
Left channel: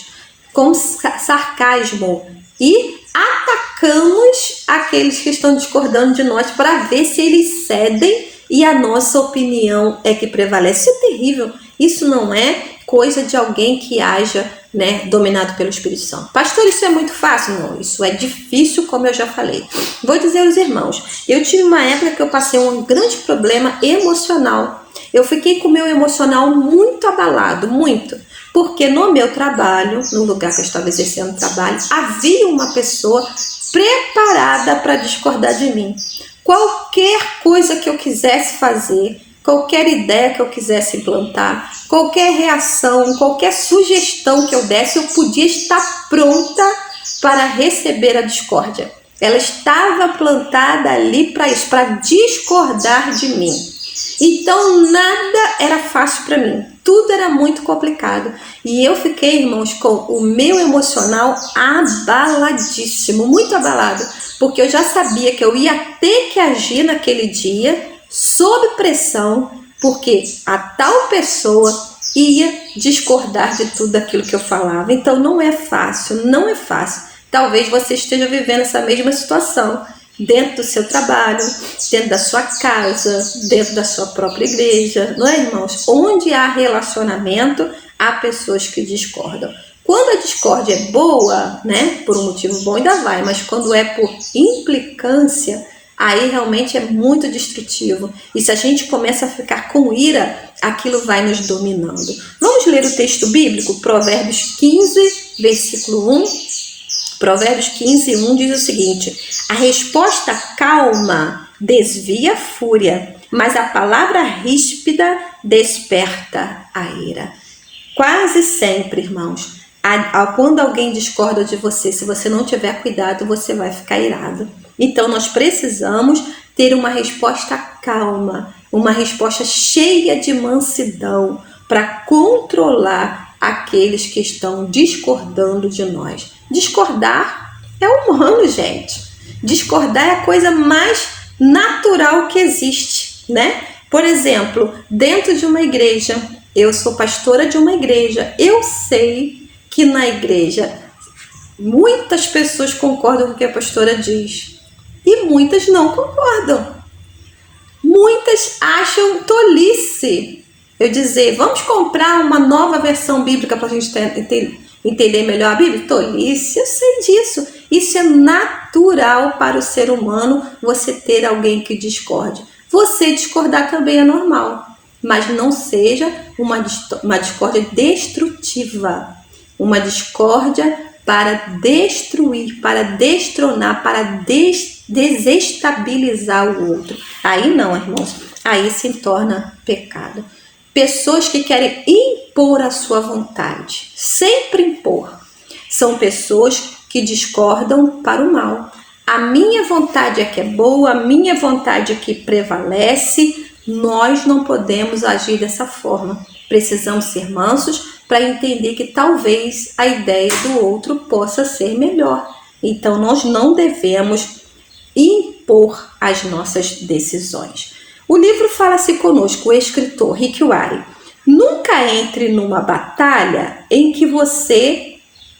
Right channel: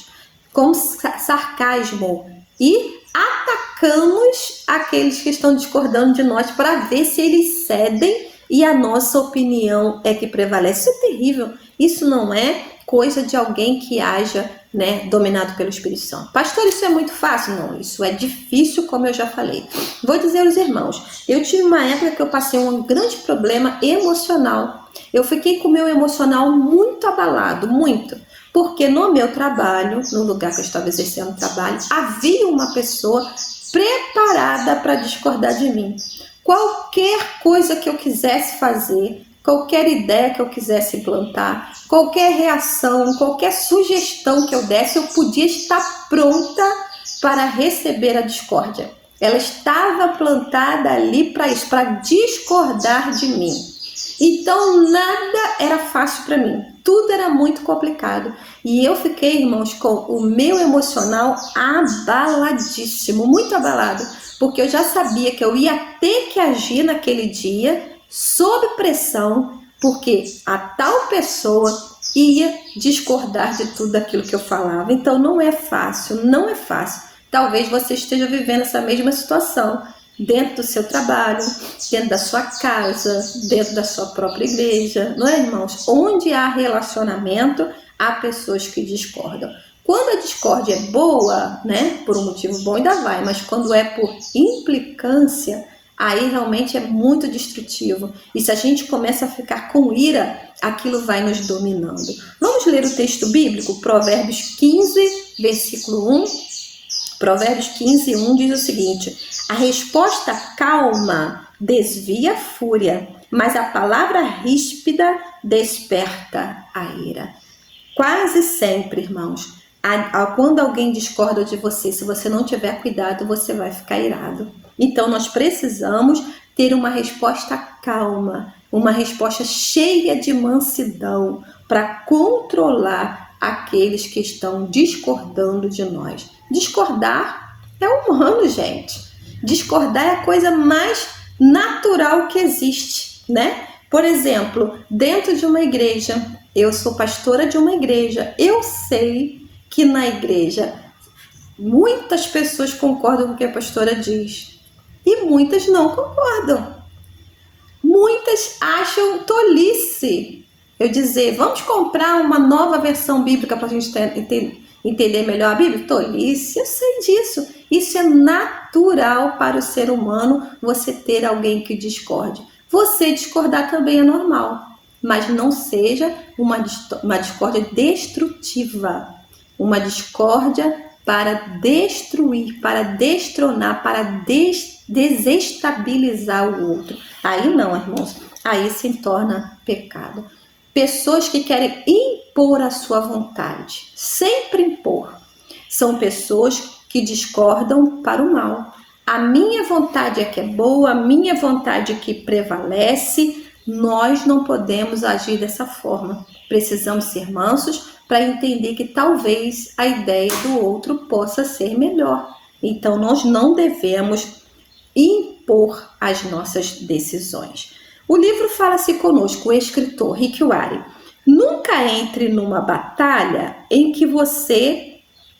e atacamos aqueles que estão discordando de nós para ver se eles cedem e a nossa opinião é que prevalece. Isso é terrível. Isso não é coisa de alguém que haja, né, dominado pelo Espírito Santo. Pastor, isso é muito fácil? Não, isso é difícil, como eu já falei. Vou dizer aos irmãos, eu tive uma época que eu passei um grande problema emocional. Eu fiquei com o meu emocional muito abalado, muito. Porque no meu trabalho, no lugar que eu estava exercendo trabalho, havia uma pessoa preparada para discordar de mim. Qualquer coisa que eu quisesse fazer, qualquer ideia que eu quisesse implantar, qualquer reação, qualquer sugestão que eu desse, eu podia estar pronta para receber a discórdia. Ela estava plantada ali para isso, para discordar de mim. Então nada era fácil para mim, tudo era muito complicado. E eu fiquei, irmãos, com o meu emocional abaladíssimo, muito abalado, porque eu já sabia que eu ia ter que agir naquele dia sob pressão, porque a tal pessoa ia discordar de tudo aquilo que eu falava. Então não é fácil, não é fácil. Talvez você esteja vivendo essa mesma situação, dentro do seu trabalho, dentro da sua casa, dentro da sua própria igreja, não é, irmãos? Onde há relacionamento, há pessoas que discordam. Quando a discórdia é boa, né, por um motivo bom ainda vai, mas quando é por implicância, aí realmente é muito destrutivo. E se a gente começa a ficar com ira, aquilo vai nos dominando. Vamos ler o texto bíblico, Provérbios 15, versículo 1. Provérbios 15, 1 diz o seguinte: a resposta calma desvia a fúria, mas a palavra ríspida desperta a ira. Quase sempre, irmãos, quando alguém discorda de você, se você não tiver cuidado, você vai ficar irado. Então nós precisamos ter uma resposta calma, uma resposta cheia de mansidão para controlar aqueles que estão discordando de nós. Discordar é humano, gente. Discordar é a coisa mais natural que existe, né? Por exemplo, dentro de uma igreja, eu sou pastora de uma igreja, eu sei que na igreja muitas pessoas concordam com o que a pastora diz e muitas não concordam. Muitas acham tolice eu dizer, vamos comprar uma nova versão bíblica para a gente entender melhor a Bíblia? Tolice, eu sei disso. Isso é natural para o ser humano, você ter alguém que discorde. Você discordar também é normal, mas não seja uma discórdia destrutiva. Uma discórdia para destruir, para destronar, para desestabilizar o outro. Aí não, irmãos, aí se torna pecado. Pessoas que querem impor a sua vontade, sempre impor, são pessoas que discordam para o mal. A minha vontade é que é boa, a minha vontade é que prevalece. Nós não podemos agir dessa forma. Precisamos ser mansos para entender que talvez a ideia do outro possa ser melhor. Então nós não devemos impor impor as nossas decisões. O livro Fala-se Conosco, o escritor Rick Warren. Nunca entre numa batalha em que você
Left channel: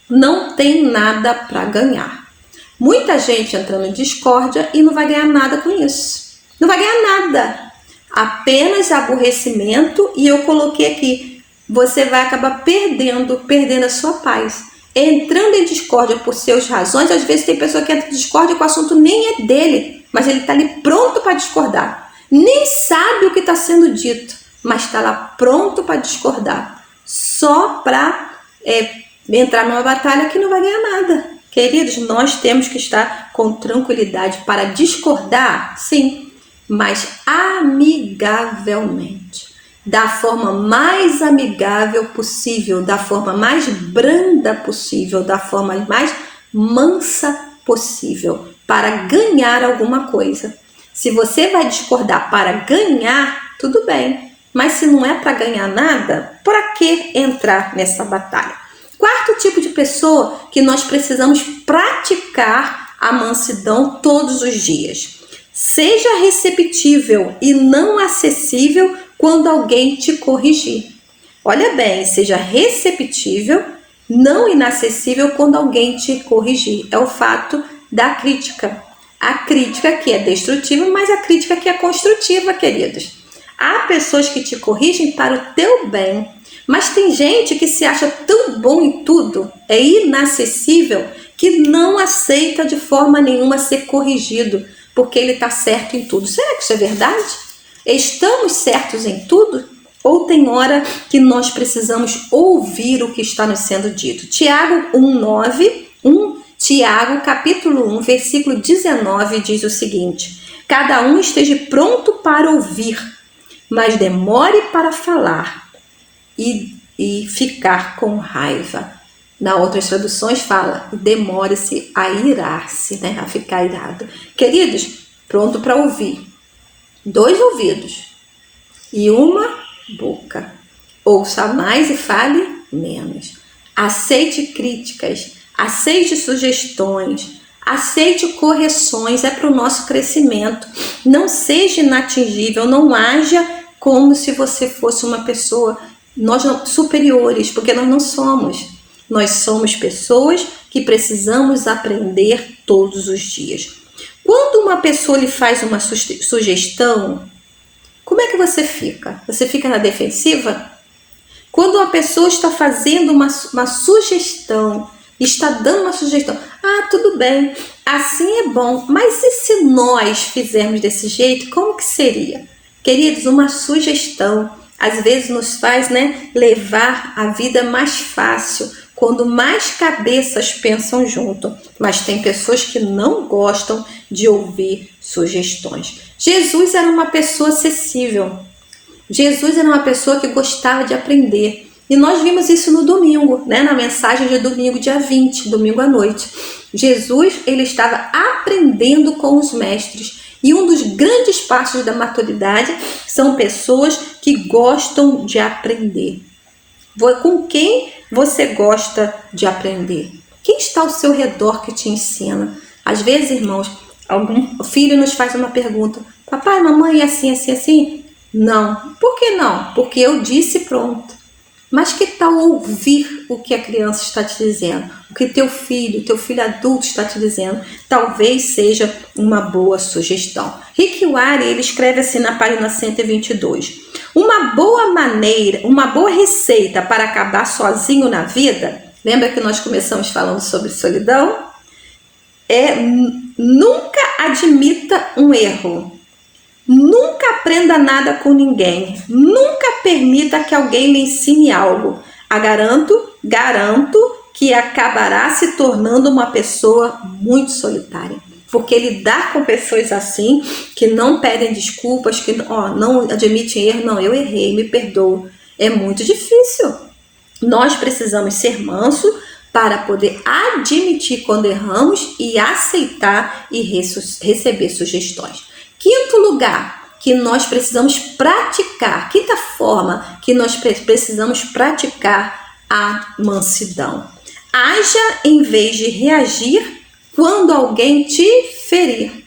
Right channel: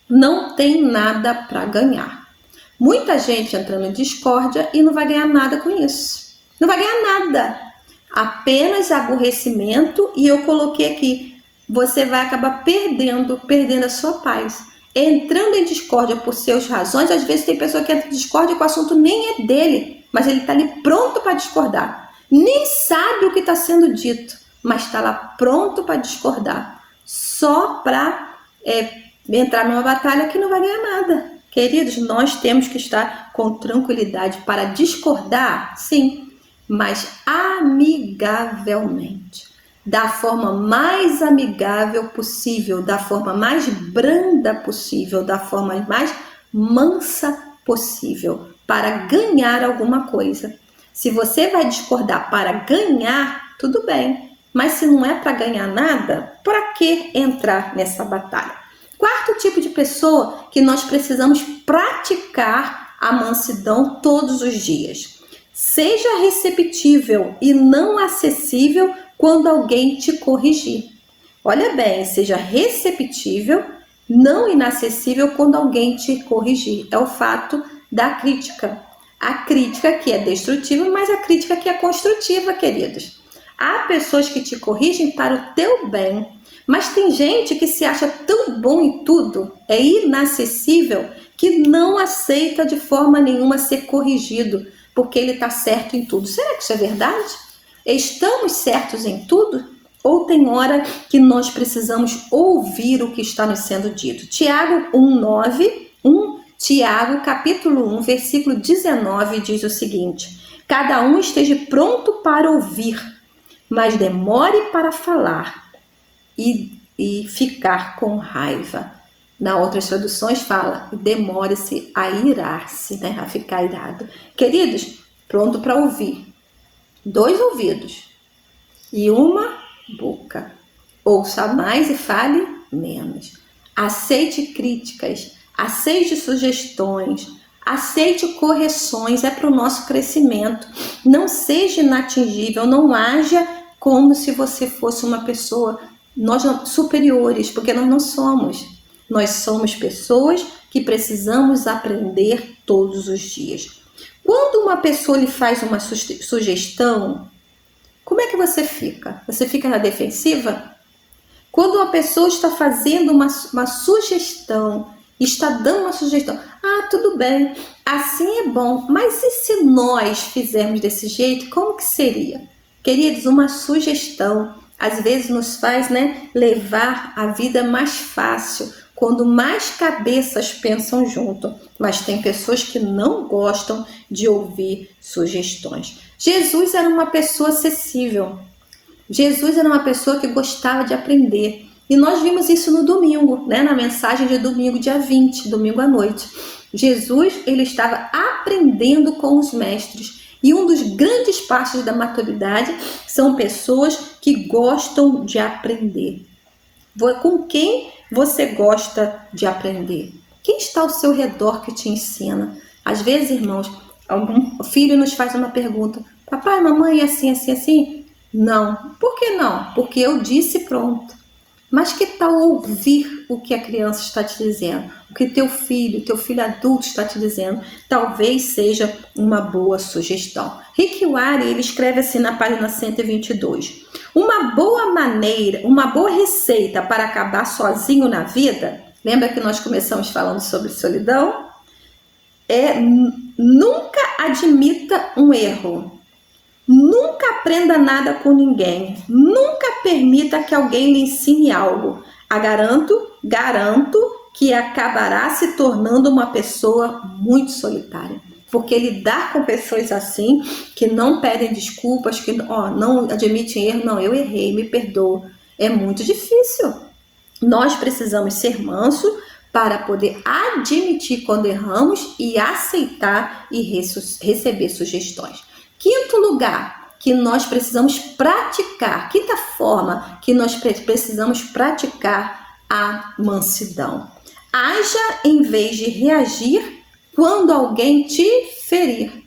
não tem nada para ganhar. Muita gente entrando em discórdia e não vai ganhar nada com isso. Não vai ganhar nada. Apenas aborrecimento, e eu coloquei aqui, você vai acabar perdendo a sua paz. Entrando em discórdia por suas razões, às vezes tem pessoa que entra em discórdia que o assunto nem é dele, mas ele está ali pronto para discordar. Nem sabe o que está sendo dito, mas está lá pronto para discordar. Só para entrar numa batalha que não vai ganhar nada. Queridos, nós temos que estar com tranquilidade para discordar, sim, mas amigavelmente. Da forma mais amigável possível, da forma mais branda possível, da forma mais mansa possível, para ganhar alguma coisa. Se você vai discordar para ganhar, tudo bem. Mas se não é para ganhar nada, para que entrar nessa batalha? Quarto tipo de pessoa que nós precisamos praticar a mansidão todos os dias. Seja receptível e não acessível quando alguém te corrigir. Olha bem, seja receptível, não inacessível quando alguém te corrigir. É o fato da crítica. A crítica que é destrutiva, mas a crítica que é construtiva, queridos. Há pessoas que te corrigem para o teu bem, mas tem gente que se acha tão bom em tudo, é inacessível, que não aceita de forma nenhuma ser corrigido, porque ele está certo em tudo. Será que isso é verdade? Estamos certos em tudo? Ou tem hora que nós precisamos ouvir o que está nos sendo dito? Tiago 1:9, Tiago capítulo 1, versículo 19 diz o seguinte: cada um esteja pronto para ouvir, mas demore para falar e ficar com raiva. Na outras traduções fala, demore-se a irar-se, né? A ficar irado. Queridos, pronto para ouvir. 2 ouvidos e uma boca. Ouça mais e fale menos. Aceite críticas, aceite sugestões, aceite correções, é para o nosso crescimento. Não seja inatingível, não haja como se você fosse uma pessoa, nós superiores, porque nós não somos. Nós somos pessoas que precisamos aprender todos os dias. Quando uma pessoa lhe faz uma sugestão, como é que você fica? Você fica na defensiva? Quando uma pessoa está fazendo uma sugestão, está dando uma sugestão, tudo bem, assim é bom, mas e se nós fizermos desse jeito, como que seria? Queridos, uma sugestão às vezes nos faz, levar a vida mais fácil, quando mais cabeças pensam junto. Mas tem pessoas que não gostam de ouvir sugestões. Jesus era uma pessoa acessível. Jesus era uma pessoa que gostava de aprender. E nós vimos isso no domingo, na mensagem de domingo, dia 20, domingo à noite. Jesus, ele estava aprendendo com os mestres. E um dos grandes passos da maturidade são pessoas que gostam de aprender. Com quem você gosta de aprender? Quem está ao seu redor que te ensina? Às vezes, irmãos, algum filho nos faz uma pergunta: papai, mamãe, é assim, assim, assim? Não. Por que não? Porque eu disse, pronto. Mas que tal ouvir o que a criança está te dizendo? O que teu filho adulto está te dizendo? Talvez seja uma boa sugestão. Rick Warren, ele escreve assim na página 122. Uma boa receita para acabar sozinho na vida, lembra que nós começamos falando sobre solidão? Nunca admita um erro. Nunca aprenda nada com ninguém. Nunca permita que alguém lhe ensine algo. Garanto que acabará se tornando uma pessoa muito solitária. Porque lidar com pessoas assim, que não pedem desculpas, que não admitem erro, não, eu errei, me perdoa, é muito difícil. Nós precisamos ser mansos para poder admitir quando erramos e aceitar e receber sugestões. Quinto lugar que nós precisamos praticar, quinta forma que nós precisamos praticar a mansidão. Haja em vez de reagir quando alguém te ferir.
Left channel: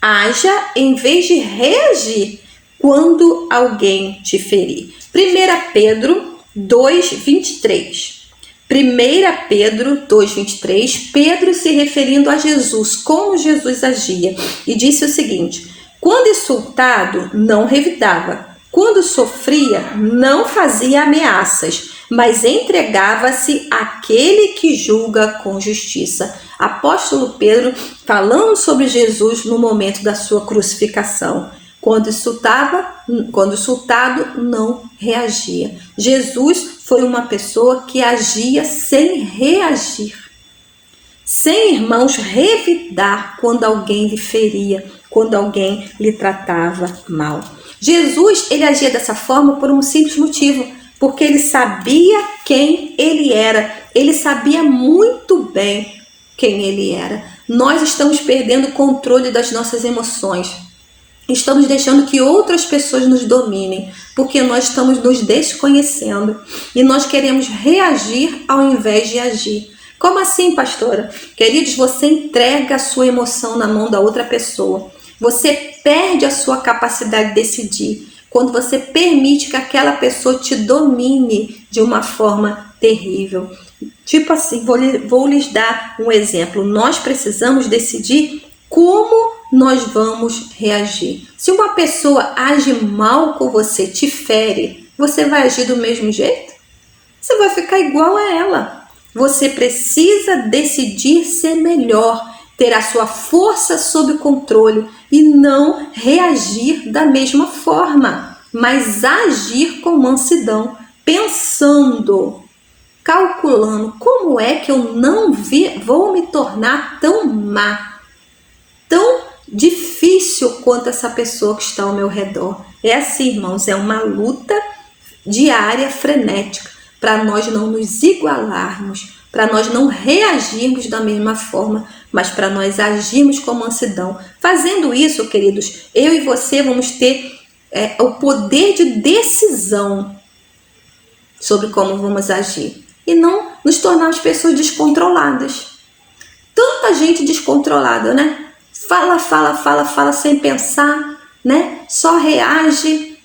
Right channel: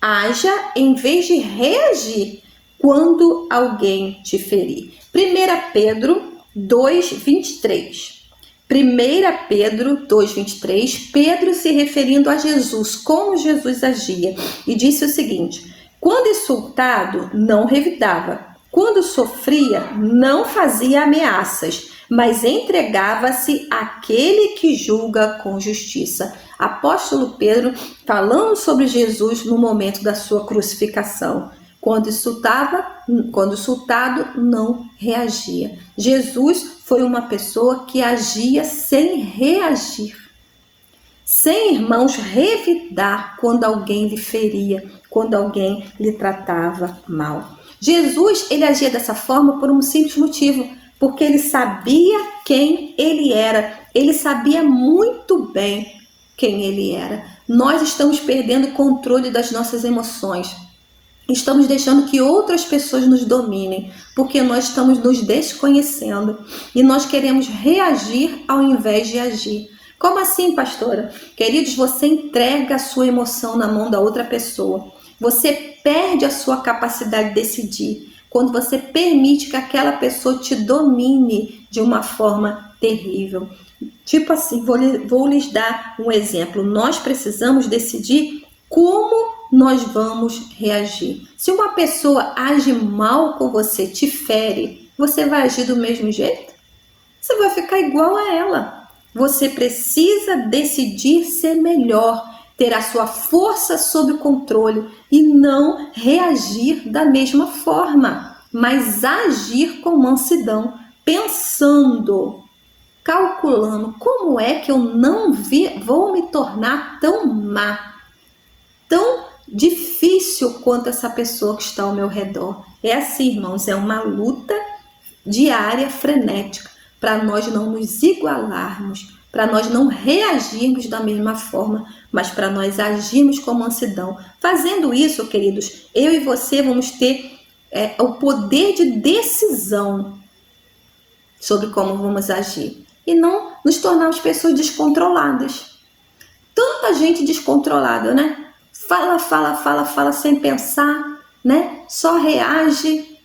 Haja em vez de reagir quando alguém te ferir. 1 Pedro 2:23. 1 Pedro 2:23, Pedro se referindo a Jesus, como Jesus agia, e disse o seguinte: quando insultado, não revidava. Quando sofria, não fazia ameaças, mas entregava-se àquele que julga com justiça. Apóstolo Pedro falando sobre Jesus no momento da sua crucificação. Quando insultado, não reagia. Jesus foi uma pessoa que agia sem reagir. Sem, irmãos, revidar quando alguém lhe feria, quando alguém lhe tratava mal. Jesus, ele agia dessa forma por um simples motivo, porque ele sabia quem ele era. Ele sabia muito bem quem ele era. Nós estamos perdendo o controle das nossas emoções. Estamos deixando que outras pessoas nos dominem, porque nós estamos nos desconhecendo e nós queremos reagir ao invés de agir. Como assim, pastora? Queridos, você entrega a sua emoção na mão da outra pessoa. Você perde a sua capacidade de decidir quando você permite que aquela pessoa te domine de uma forma terrível. Tipo assim, vou lhes dar um exemplo. Nós precisamos decidir como nós vamos reagir. Se uma pessoa age mal com você, te fere, você vai agir do mesmo jeito? Você vai ficar igual a ela. Você precisa decidir ser melhor, ter a sua força sob controle e não reagir da mesma forma, mas agir com mansidão, pensando, calculando como é que eu não vou me tornar tão má, tão difícil quanto essa pessoa que está ao meu redor. É assim, irmãos, é uma luta diária, frenética, para nós não nos igualarmos, para nós não reagirmos da mesma forma, mas para nós agirmos com mansidão. Fazendo isso, queridos, eu e você vamos ter o poder de decisão sobre como vamos agir e não nos tornarmos pessoas descontroladas. Tanta gente descontrolada, né? Fala sem pensar, né? Só reage.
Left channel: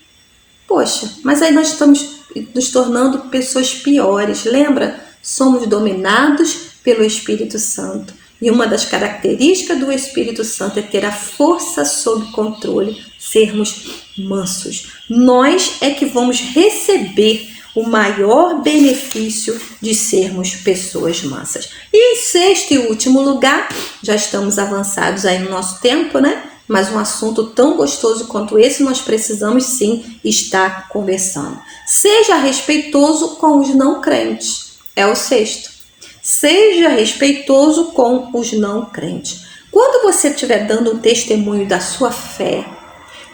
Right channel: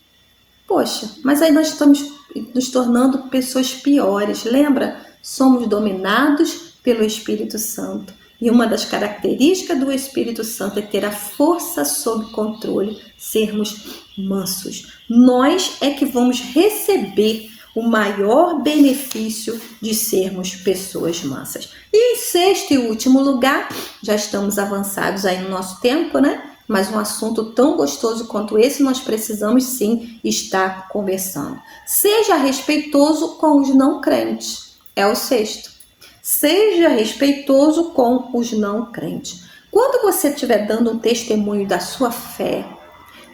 Poxa, mas aí nós estamos nos tornando pessoas piores. Lembra? Somos dominados pelo Espírito Santo. E uma das características do Espírito Santo é ter a força sob controle, sermos mansos. Nós é que vamos receber o maior benefício de sermos pessoas mansas. E em sexto e último lugar, já estamos avançados aí no nosso tempo, né? Mas um assunto tão gostoso quanto esse, nós precisamos sim estar conversando. Seja respeitoso com os não crentes. É o sexto. Seja respeitoso com os não crentes. Quando você estiver dando um testemunho da sua fé,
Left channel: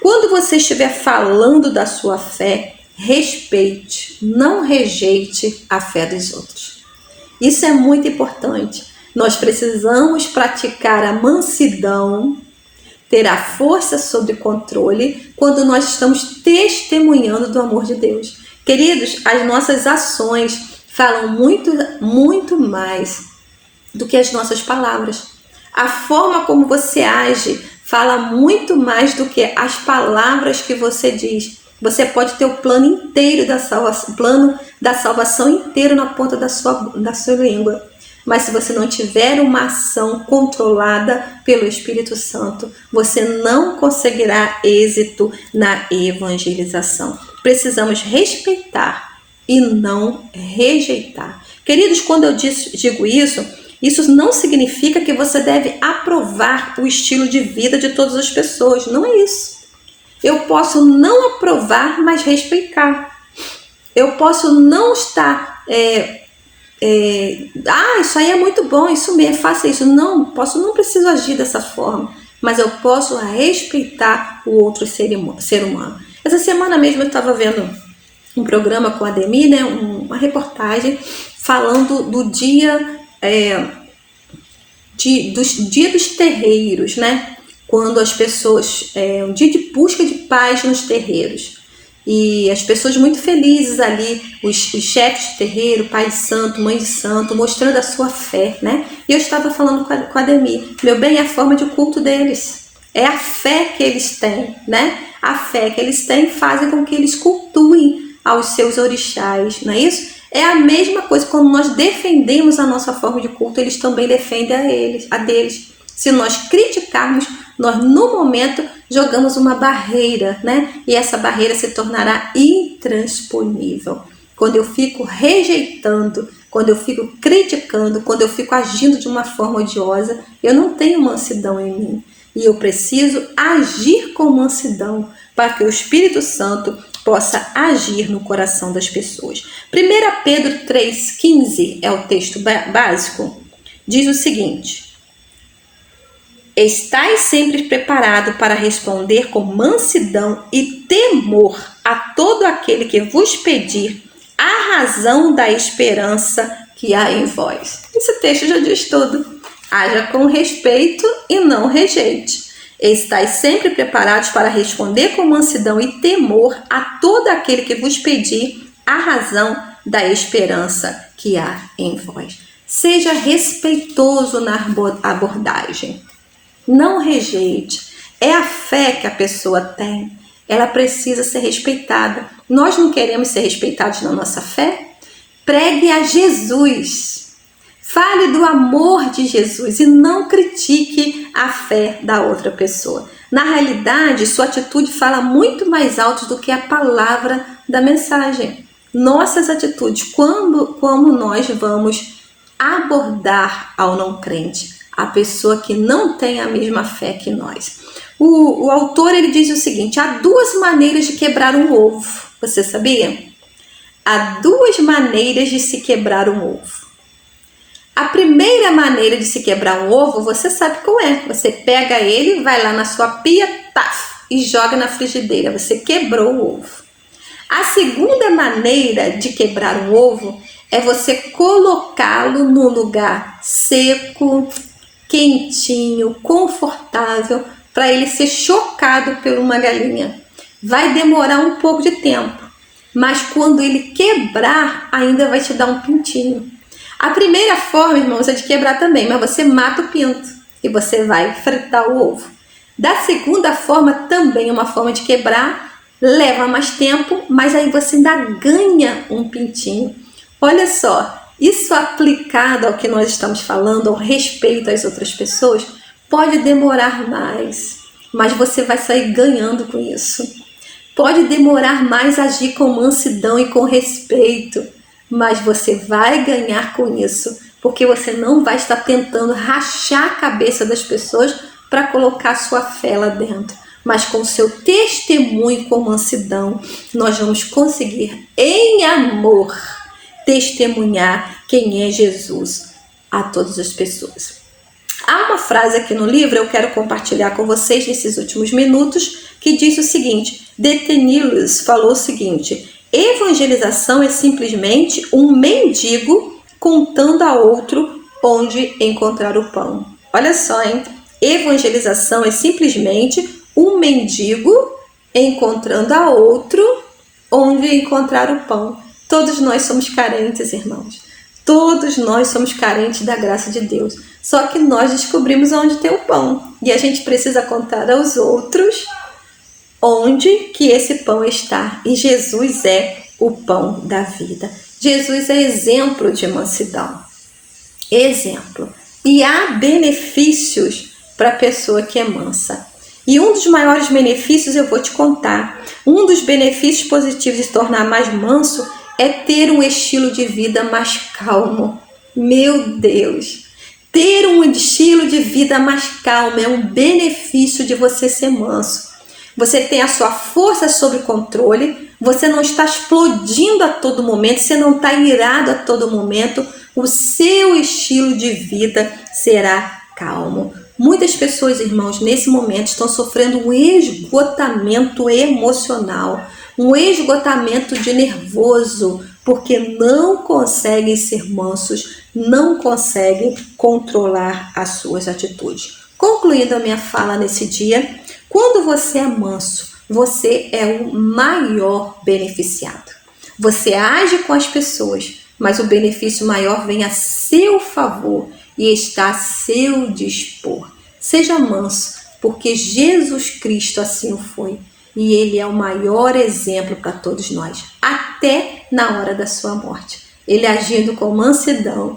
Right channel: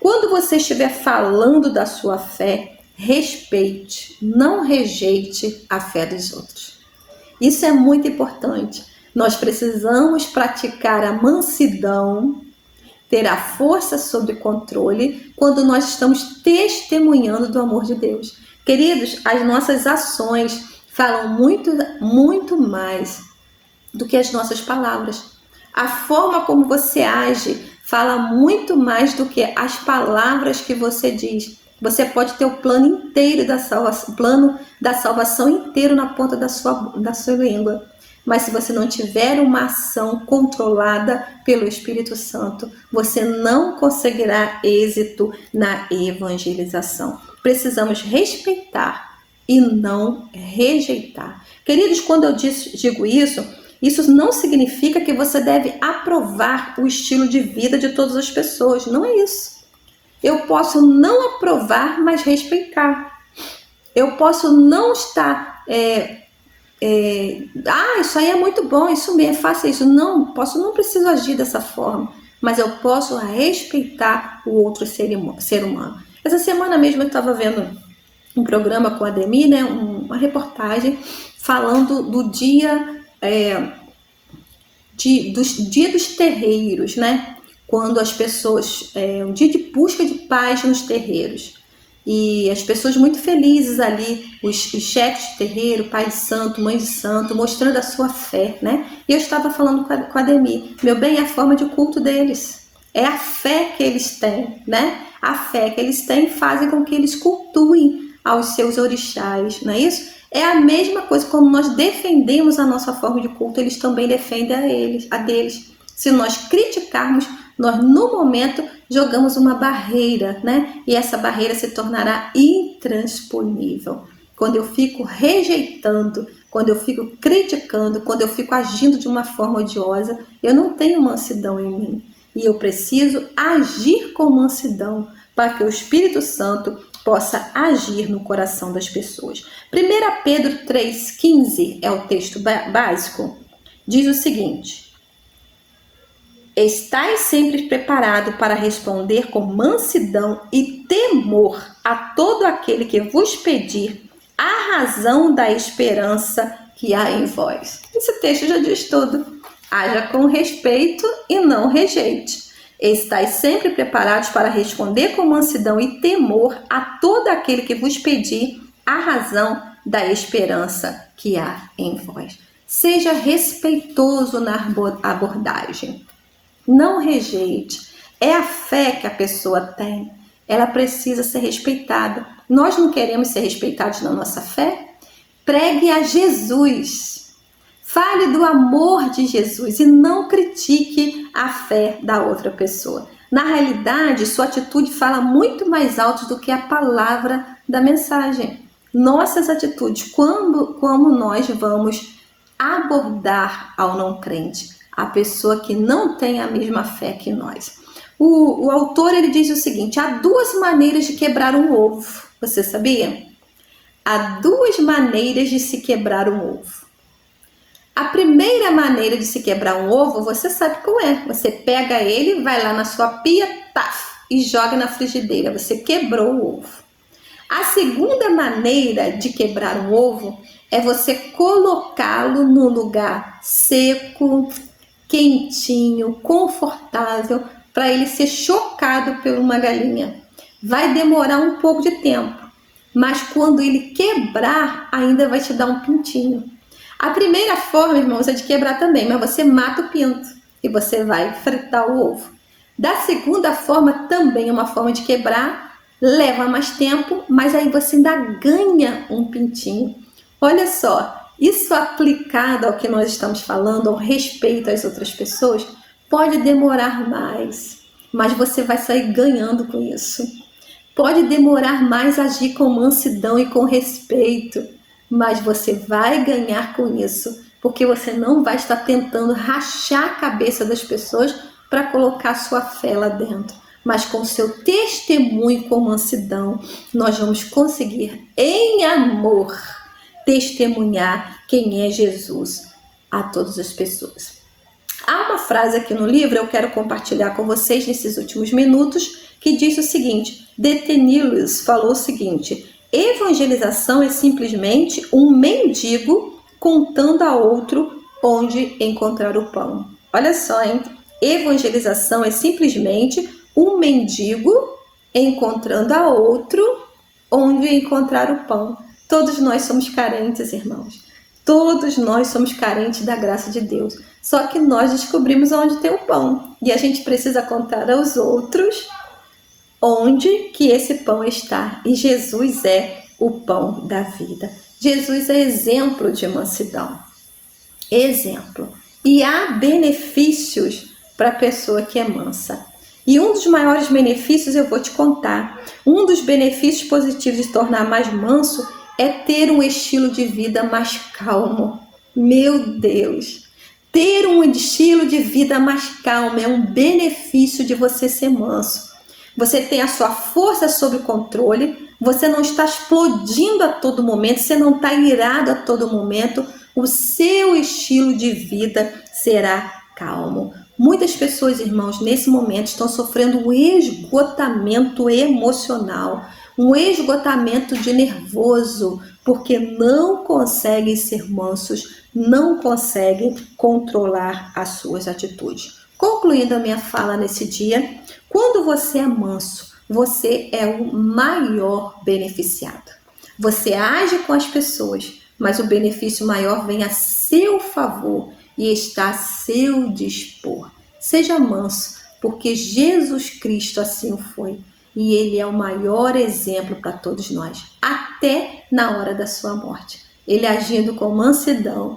quando você estiver falando da sua fé, respeite, não rejeite a fé dos outros. Isso é muito importante. Nós precisamos praticar a mansidão, ter a força sob controle quando nós estamos testemunhando do amor de Deus. Queridos, as nossas ações falam muito mais do que as nossas palavras. A forma como você age fala muito mais do que as palavras que você diz. Você pode ter o plano inteiro da salvação, plano da salvação inteiro na ponta da sua língua. Mas se você não tiver uma ação controlada pelo Espírito Santo, você não conseguirá êxito na evangelização. Precisamos respeitar e não rejeitar. Queridos, quando eu digo isso, isso não significa que você deve aprovar o estilo de vida de todas as pessoas. Não é isso. Eu posso não aprovar, mas respeitar. Eu posso não estar... isso aí é muito bom, isso mesmo, faça isso. Não preciso agir dessa forma, mas eu posso respeitar o outro ser humano. Essa semana mesmo eu estava vendo um programa com a Ademir, né, uma reportagem falando do dia dos terreiros, né? Quando as pessoas, um dia de busca de paz nos terreiros. E as pessoas muito felizes ali, os chefes de terreiro, pai de santo, mãe de santo, mostrando a sua fé, né? E eu estava falando com a Ademir, meu bem, é a forma de culto deles. É a fé que eles têm, né? A fé que eles têm faz com que eles cultuem aos seus orixás, não é isso? É a mesma coisa, quando nós defendemos a nossa forma de culto, eles também defendem a deles. Se nós criticarmos, nós no momento jogamos uma barreira, né? E essa barreira se tornará intransponível. Quando eu fico rejeitando, quando eu fico criticando, quando eu fico agindo de uma forma odiosa, eu não tenho mansidão em mim. E eu preciso agir com mansidão para que o Espírito Santo possa agir no coração das pessoas. 1 Pedro 3,15 é o texto básico. Diz o seguinte: estais sempre preparado para responder com mansidão e temor a todo aquele que vos pedir a razão da esperança que há em vós. Esse texto já diz tudo. Haja com respeito e não rejeite. Estais sempre preparados para responder com mansidão e temor a todo aquele que vos pedir a razão da esperança que há em vós. Seja respeitoso na abordagem. Não rejeite. É a fé que a pessoa tem. Ela precisa ser respeitada. Nós não queremos ser respeitados na nossa fé? Pregue a Jesus. Fale do amor de Jesus e não critique a fé da outra pessoa. Na realidade, sua atitude fala muito mais alto do que a palavra da mensagem. Nossas atitudes, como nós vamos abordar ao não crente, a pessoa que não tem a mesma fé que nós. O autor ele diz o seguinte: há duas maneiras de quebrar um ovo. Você sabia? Há duas maneiras de se quebrar um ovo. A primeira maneira de se quebrar um ovo, você sabe qual é. Você pega ele, vai lá na sua pia, e joga na frigideira. Você quebrou o ovo. A segunda maneira de quebrar um ovo é você colocá-lo num lugar seco, quentinho, confortável, para ele ser chocado por uma galinha. Vai demorar um pouco de tempo, mas quando ele quebrar, ainda vai te dar um pintinho. A primeira forma, irmãos, é de quebrar também, mas você mata o pinto e você vai fritar o ovo. Da segunda forma, também é uma forma de quebrar, leva mais tempo, mas aí você ainda ganha um pintinho. Olha só, isso aplicado ao que nós estamos falando, ao respeito às outras pessoas, pode demorar mais, mas você vai sair ganhando com isso. Pode demorar mais agir com mansidão e com respeito, mas você vai ganhar com isso, porque você não vai estar tentando rachar a cabeça das pessoas para colocar sua fé lá dentro. Mas com seu testemunho com mansidão, nós vamos conseguir, em amor, testemunhar quem é Jesus a todas as pessoas. Há uma frase aqui no livro, eu quero compartilhar com vocês nesses últimos minutos, que diz o seguinte: Detenilus falou o seguinte: evangelização é simplesmente um mendigo contando a outro onde encontrar o pão. Olha só, hein? Evangelização é simplesmente um mendigo encontrando a outro onde encontrar o pão. Todos nós somos carentes, irmãos. Todos nós somos carentes da graça de Deus. Só que nós descobrimos onde tem o pão. E a gente precisa contar aos outros onde que esse pão está. E Jesus é o pão da vida. Jesus é exemplo de mansidão. Exemplo. E há benefícios para a pessoa que é mansa. E um dos maiores benefícios eu vou te contar. Um dos benefícios positivos de se tornar mais manso é ter um estilo de vida mais calmo. Meu Deus! Ter um estilo de vida mais calmo é um benefício de você ser manso. Você tem a sua força sob controle, você não está explodindo a todo momento, você não está irado a todo momento, o seu estilo de vida será calmo. Muitas pessoas, irmãos, nesse momento estão sofrendo um esgotamento emocional, um esgotamento de nervoso, porque não conseguem ser mansos, não conseguem controlar as suas atitudes. Concluindo a minha fala nesse dia, quando você é manso, você é o maior beneficiado. Você age com as pessoas, mas o benefício maior vem a seu favor e está a seu dispor. Seja manso, porque Jesus Cristo assim o foi. E ele é o maior exemplo para todos nós, até na hora da sua morte. Ele agindo com mansidão,